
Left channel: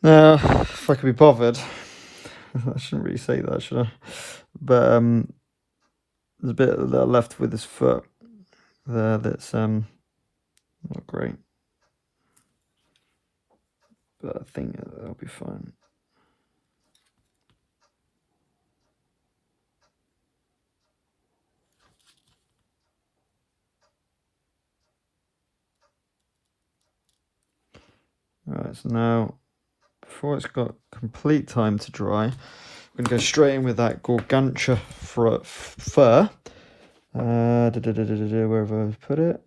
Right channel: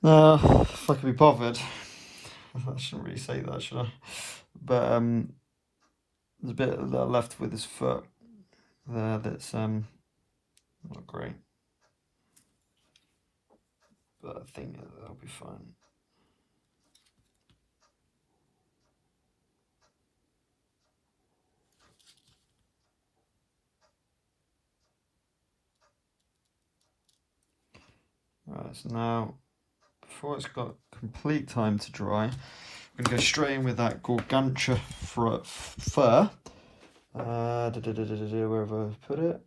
Now, if I could be bothered, I shouldn't really say that, should I? But there's a bit left with his foot there that's not great. But I think that'll be fine. Right, so now, before it's got complete time to dry, I'm going to go straight in with that Gore-Grunta Fur. Where have I put it?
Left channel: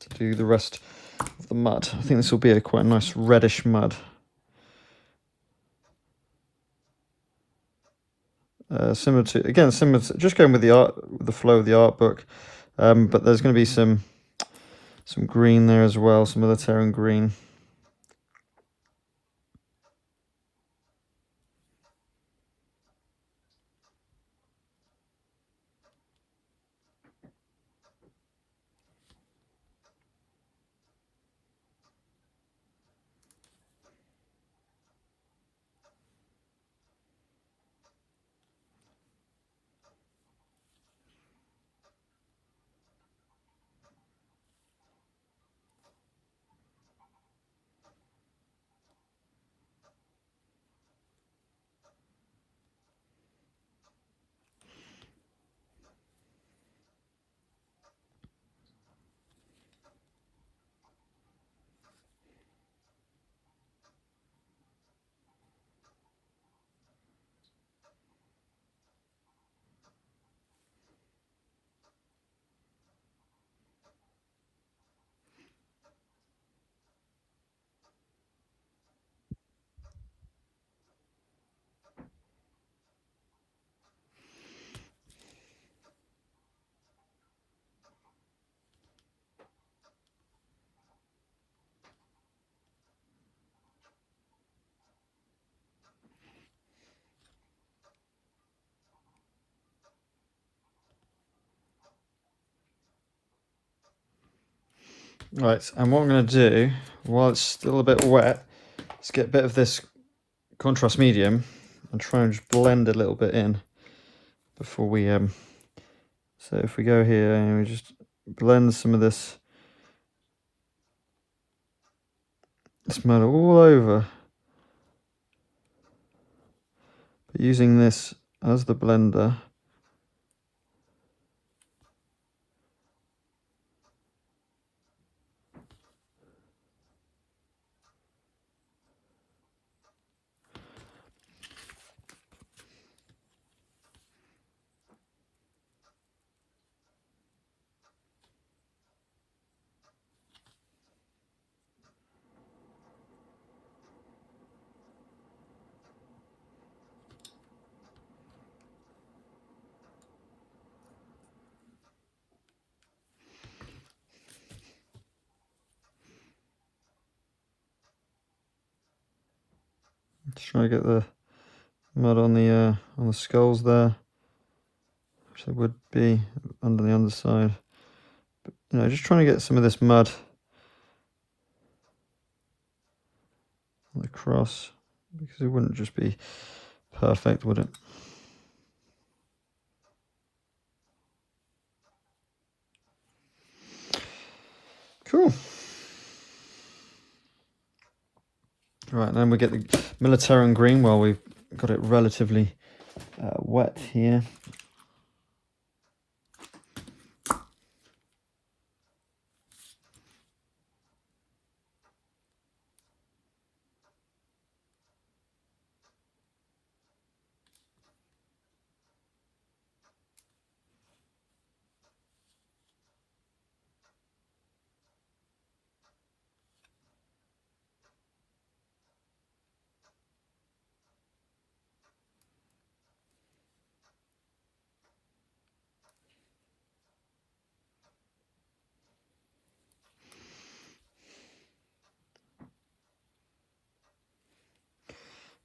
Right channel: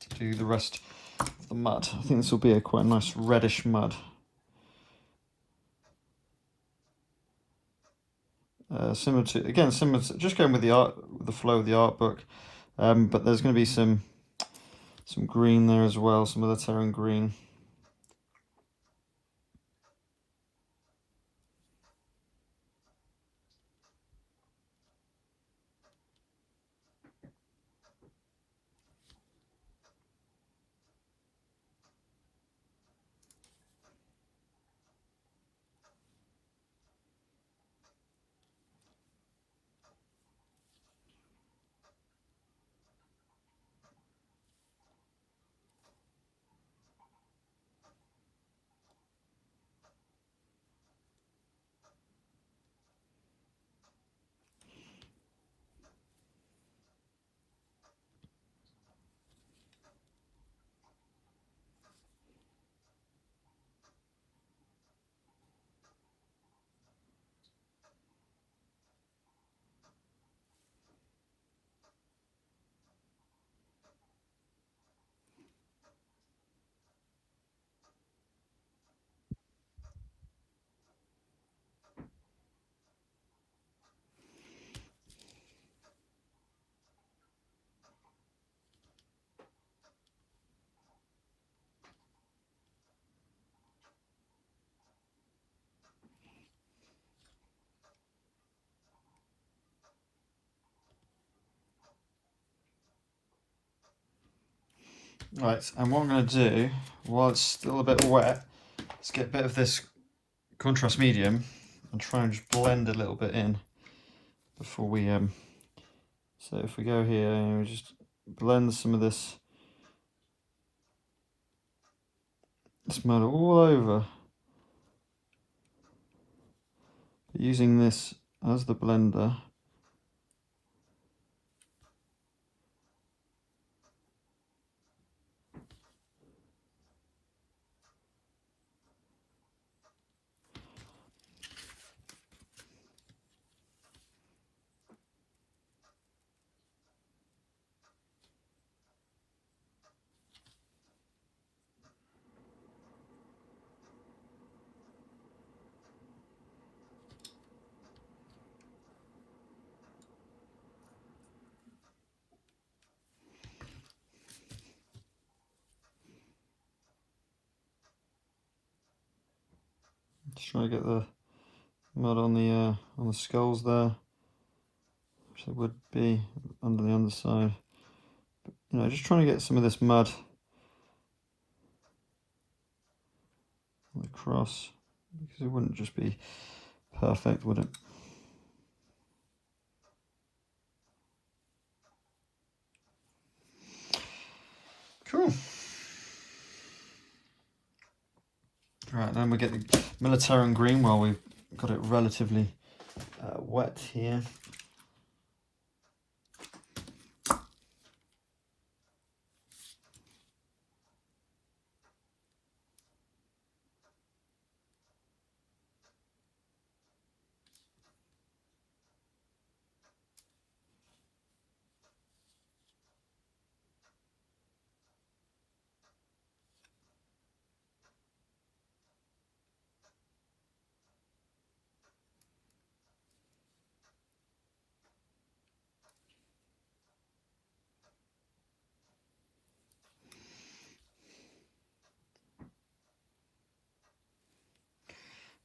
To do the rest of the mud. I think this will be quite a nice reddish mud. Similar to just going with the flow of the art book, but there's going to be some green there as well, some Militarum green. Right, and what I'm going to do, while it's still a bit wet, is get a bit of this contrast medium and try and just blend a little bit in before we so if we go here and we just blend some of this mud all over, but using this as the blender. Just trying to get the mud on the skulls there, which there would be under the underside. But, you know, just trying to get some of this mud on the cross, because it wouldn't just be perfect, would it? Cool. Right, then we get the Militarum green while we've got it relatively wet here.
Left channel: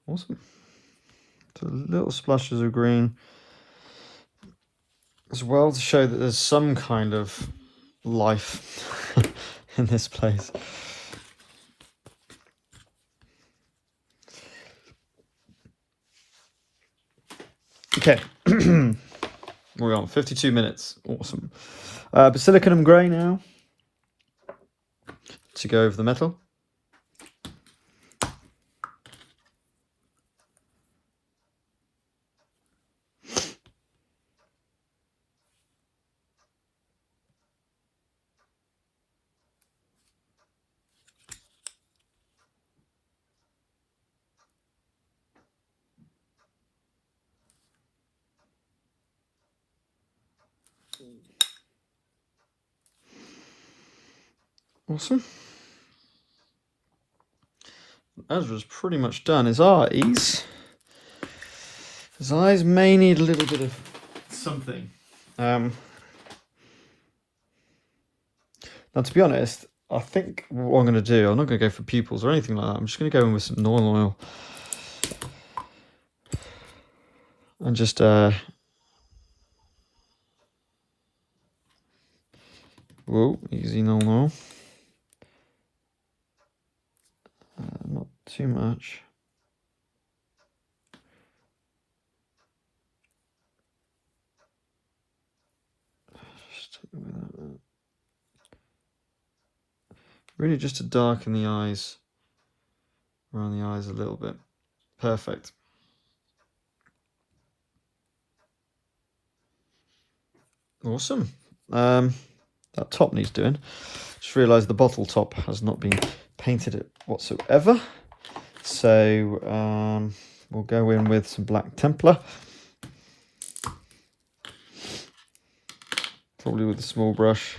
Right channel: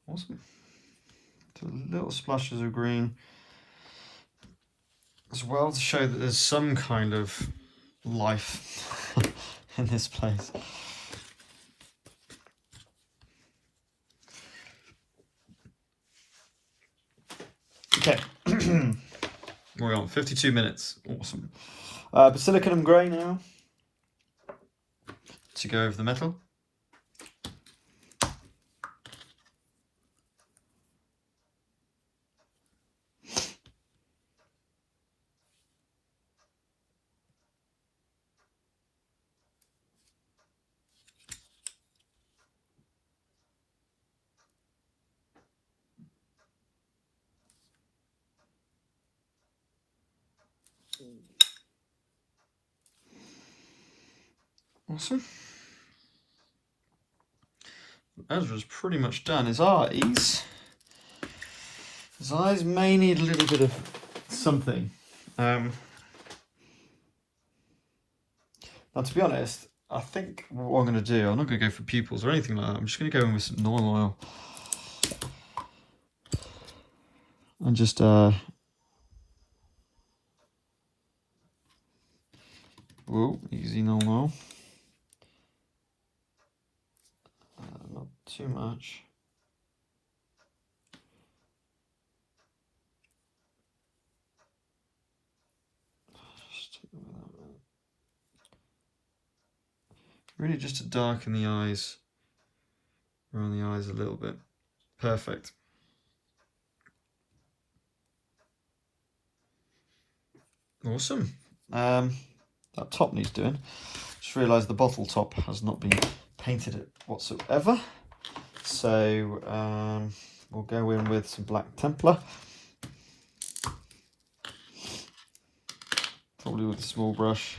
Awesome. So little splashes of green as well to show that there's some kind of life in this place. Okay, we're on 52 minutes. Awesome. Basilicanum Grey now to go over the metal. Awesome. Ezra's pretty much done. His eyes may need a little bit of something. Now, to be honest, I think what I'm going to do, I'm not going to go for pupils or anything like that. I'm just going to go in with some normal oil and just whoa, easy normal. Not too much. Really just to darken the eyes, around the eyes a little bit. Perfect. Awesome. That top needs doing. Just realised the bottle top has not been painted whatsoever. So we'll go in with some black Templar. Probably with a small brush.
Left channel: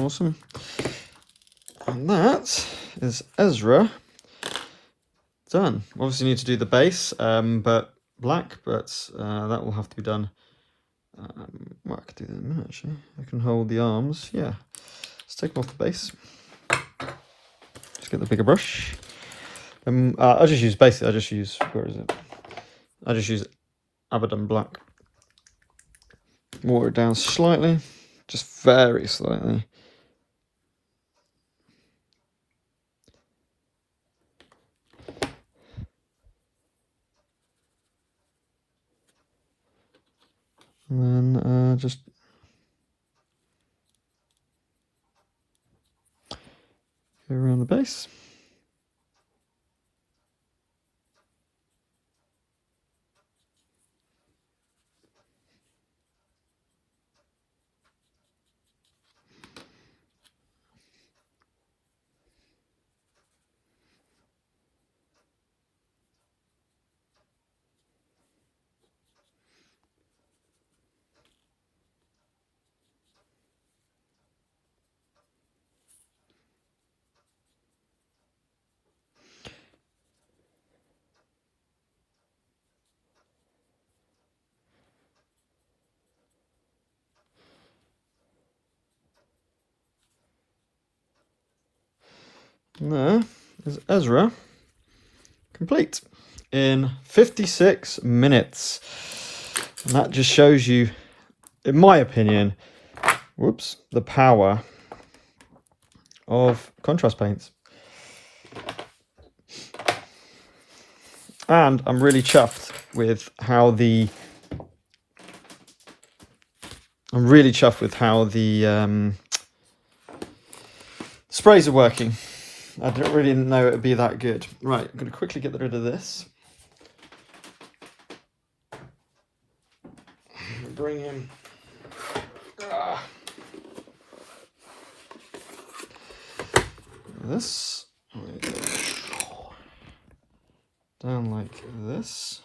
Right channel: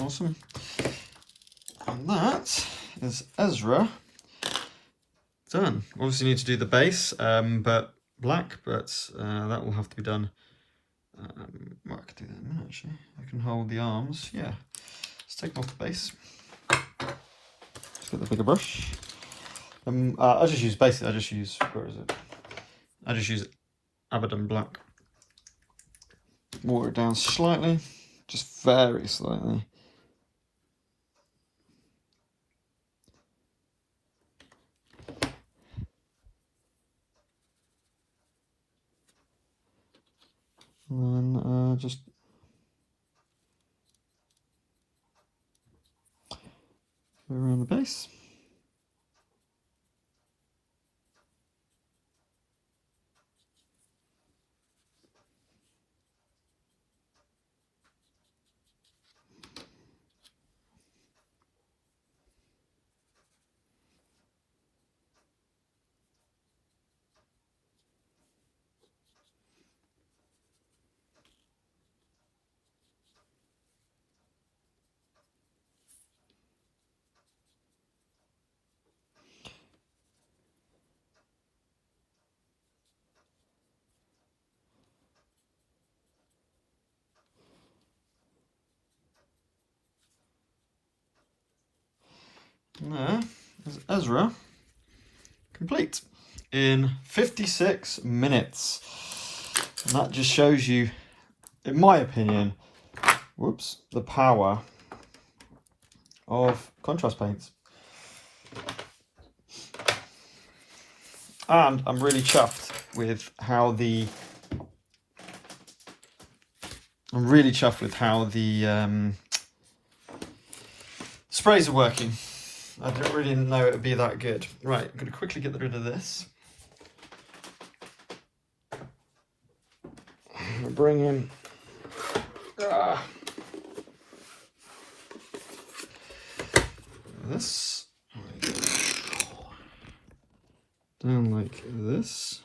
Awesome. And that is Ezra done. Obviously need to do the base, but black, but that will have to be done. Well, I could do that in a minute actually. I can hold the arms, yeah. Let's take off the base. Let's get the bigger brush. I just use, where is it? I just use Abaddon black. Water it down slightly, just very slightly. And then just go around the base. And there is Ezra complete in 56 minutes. And that just shows you, in my opinion, whoops, the power of contrast paints. And I'm really chuffed with how the sprays are working. I didn't really know it would be that good. Right, I'm going to quickly get rid of this. I'm going to bring in this. Down like this.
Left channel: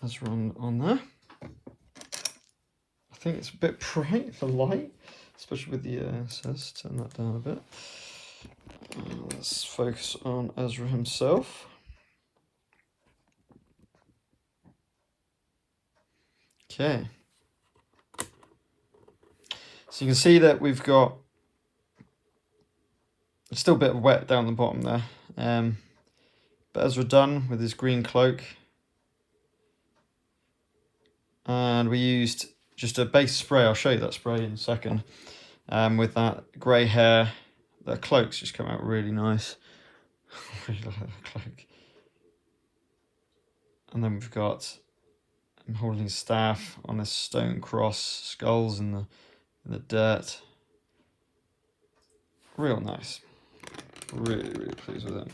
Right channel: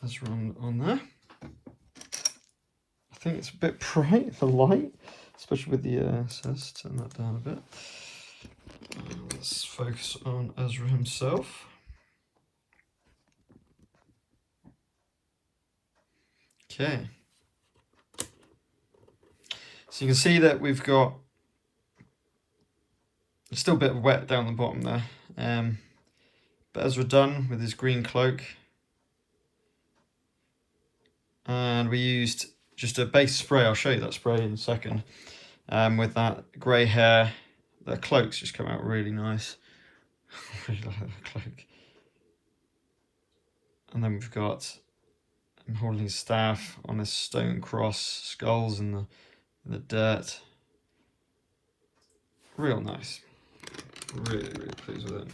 Let's run on there. I think it's a bit bright, the light, especially with the says. Turn that down a bit. Let's focus on Ezra himself. Okay. So you can see that we've got still a bit of wet down the bottom there. But Ezra done with his green cloak. And we used just a base spray. I'll show you that spray in a second. With that grey hair, the cloak's just come out really nice. I really like that cloak. And then we've got him holding his staff on this stone cross, skulls in the dirt. Real nice. Really, really pleased with it.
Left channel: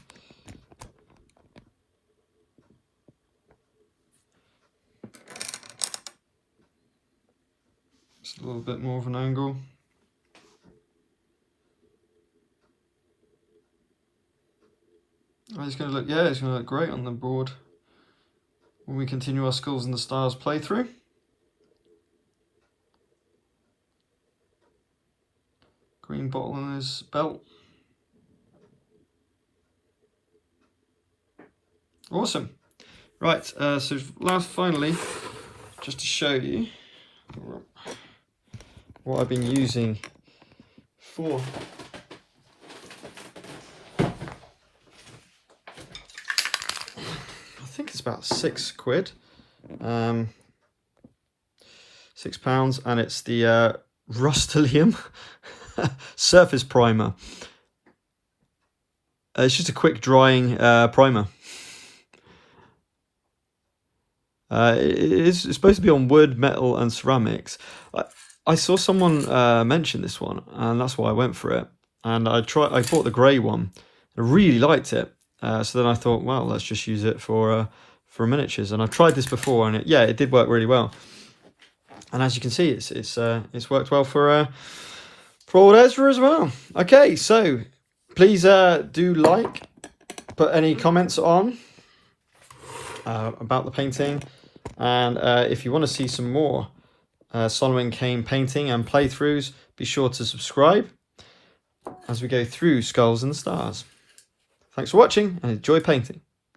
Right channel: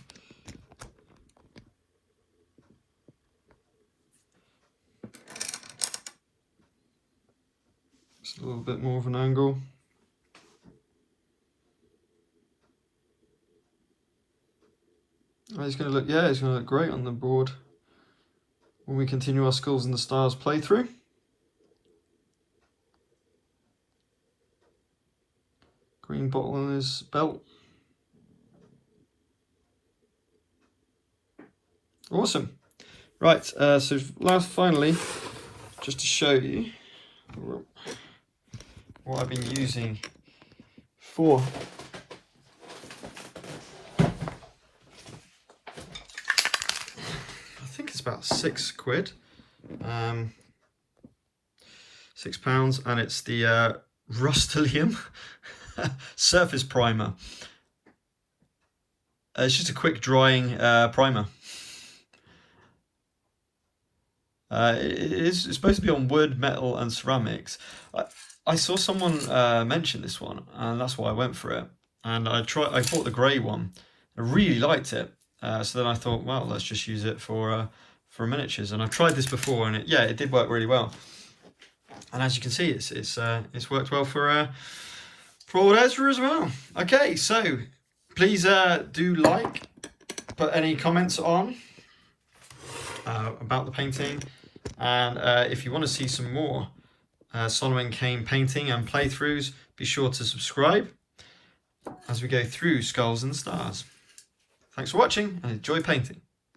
Just a little bit more of an angle. Oh, he's going to look, yeah, he's going to look great on the board when we continue our Skulls and the Stars playthrough. Green bottle on his belt. Awesome. Right, so finally, just to show you what I've been using for I think it's about £6, £6, and it's the Rustelium surface primer. It's just a quick drying primer. It's supposed to be on wood, metal and ceramics. I saw someone mention this one, and that's why I went for it. And I bought the grey one. I really liked it. So then I thought, well, let's just use it for miniatures. And I tried this before, and it did work really well. And as you can see, it's worked well for old Ezra as well. Okay, so please do put any comments on about the painting, and if you want to see some more Solomon Kane painting and playthroughs, be sure to subscribe as we go through Skulls and Stars. Thanks for watching and enjoy painting.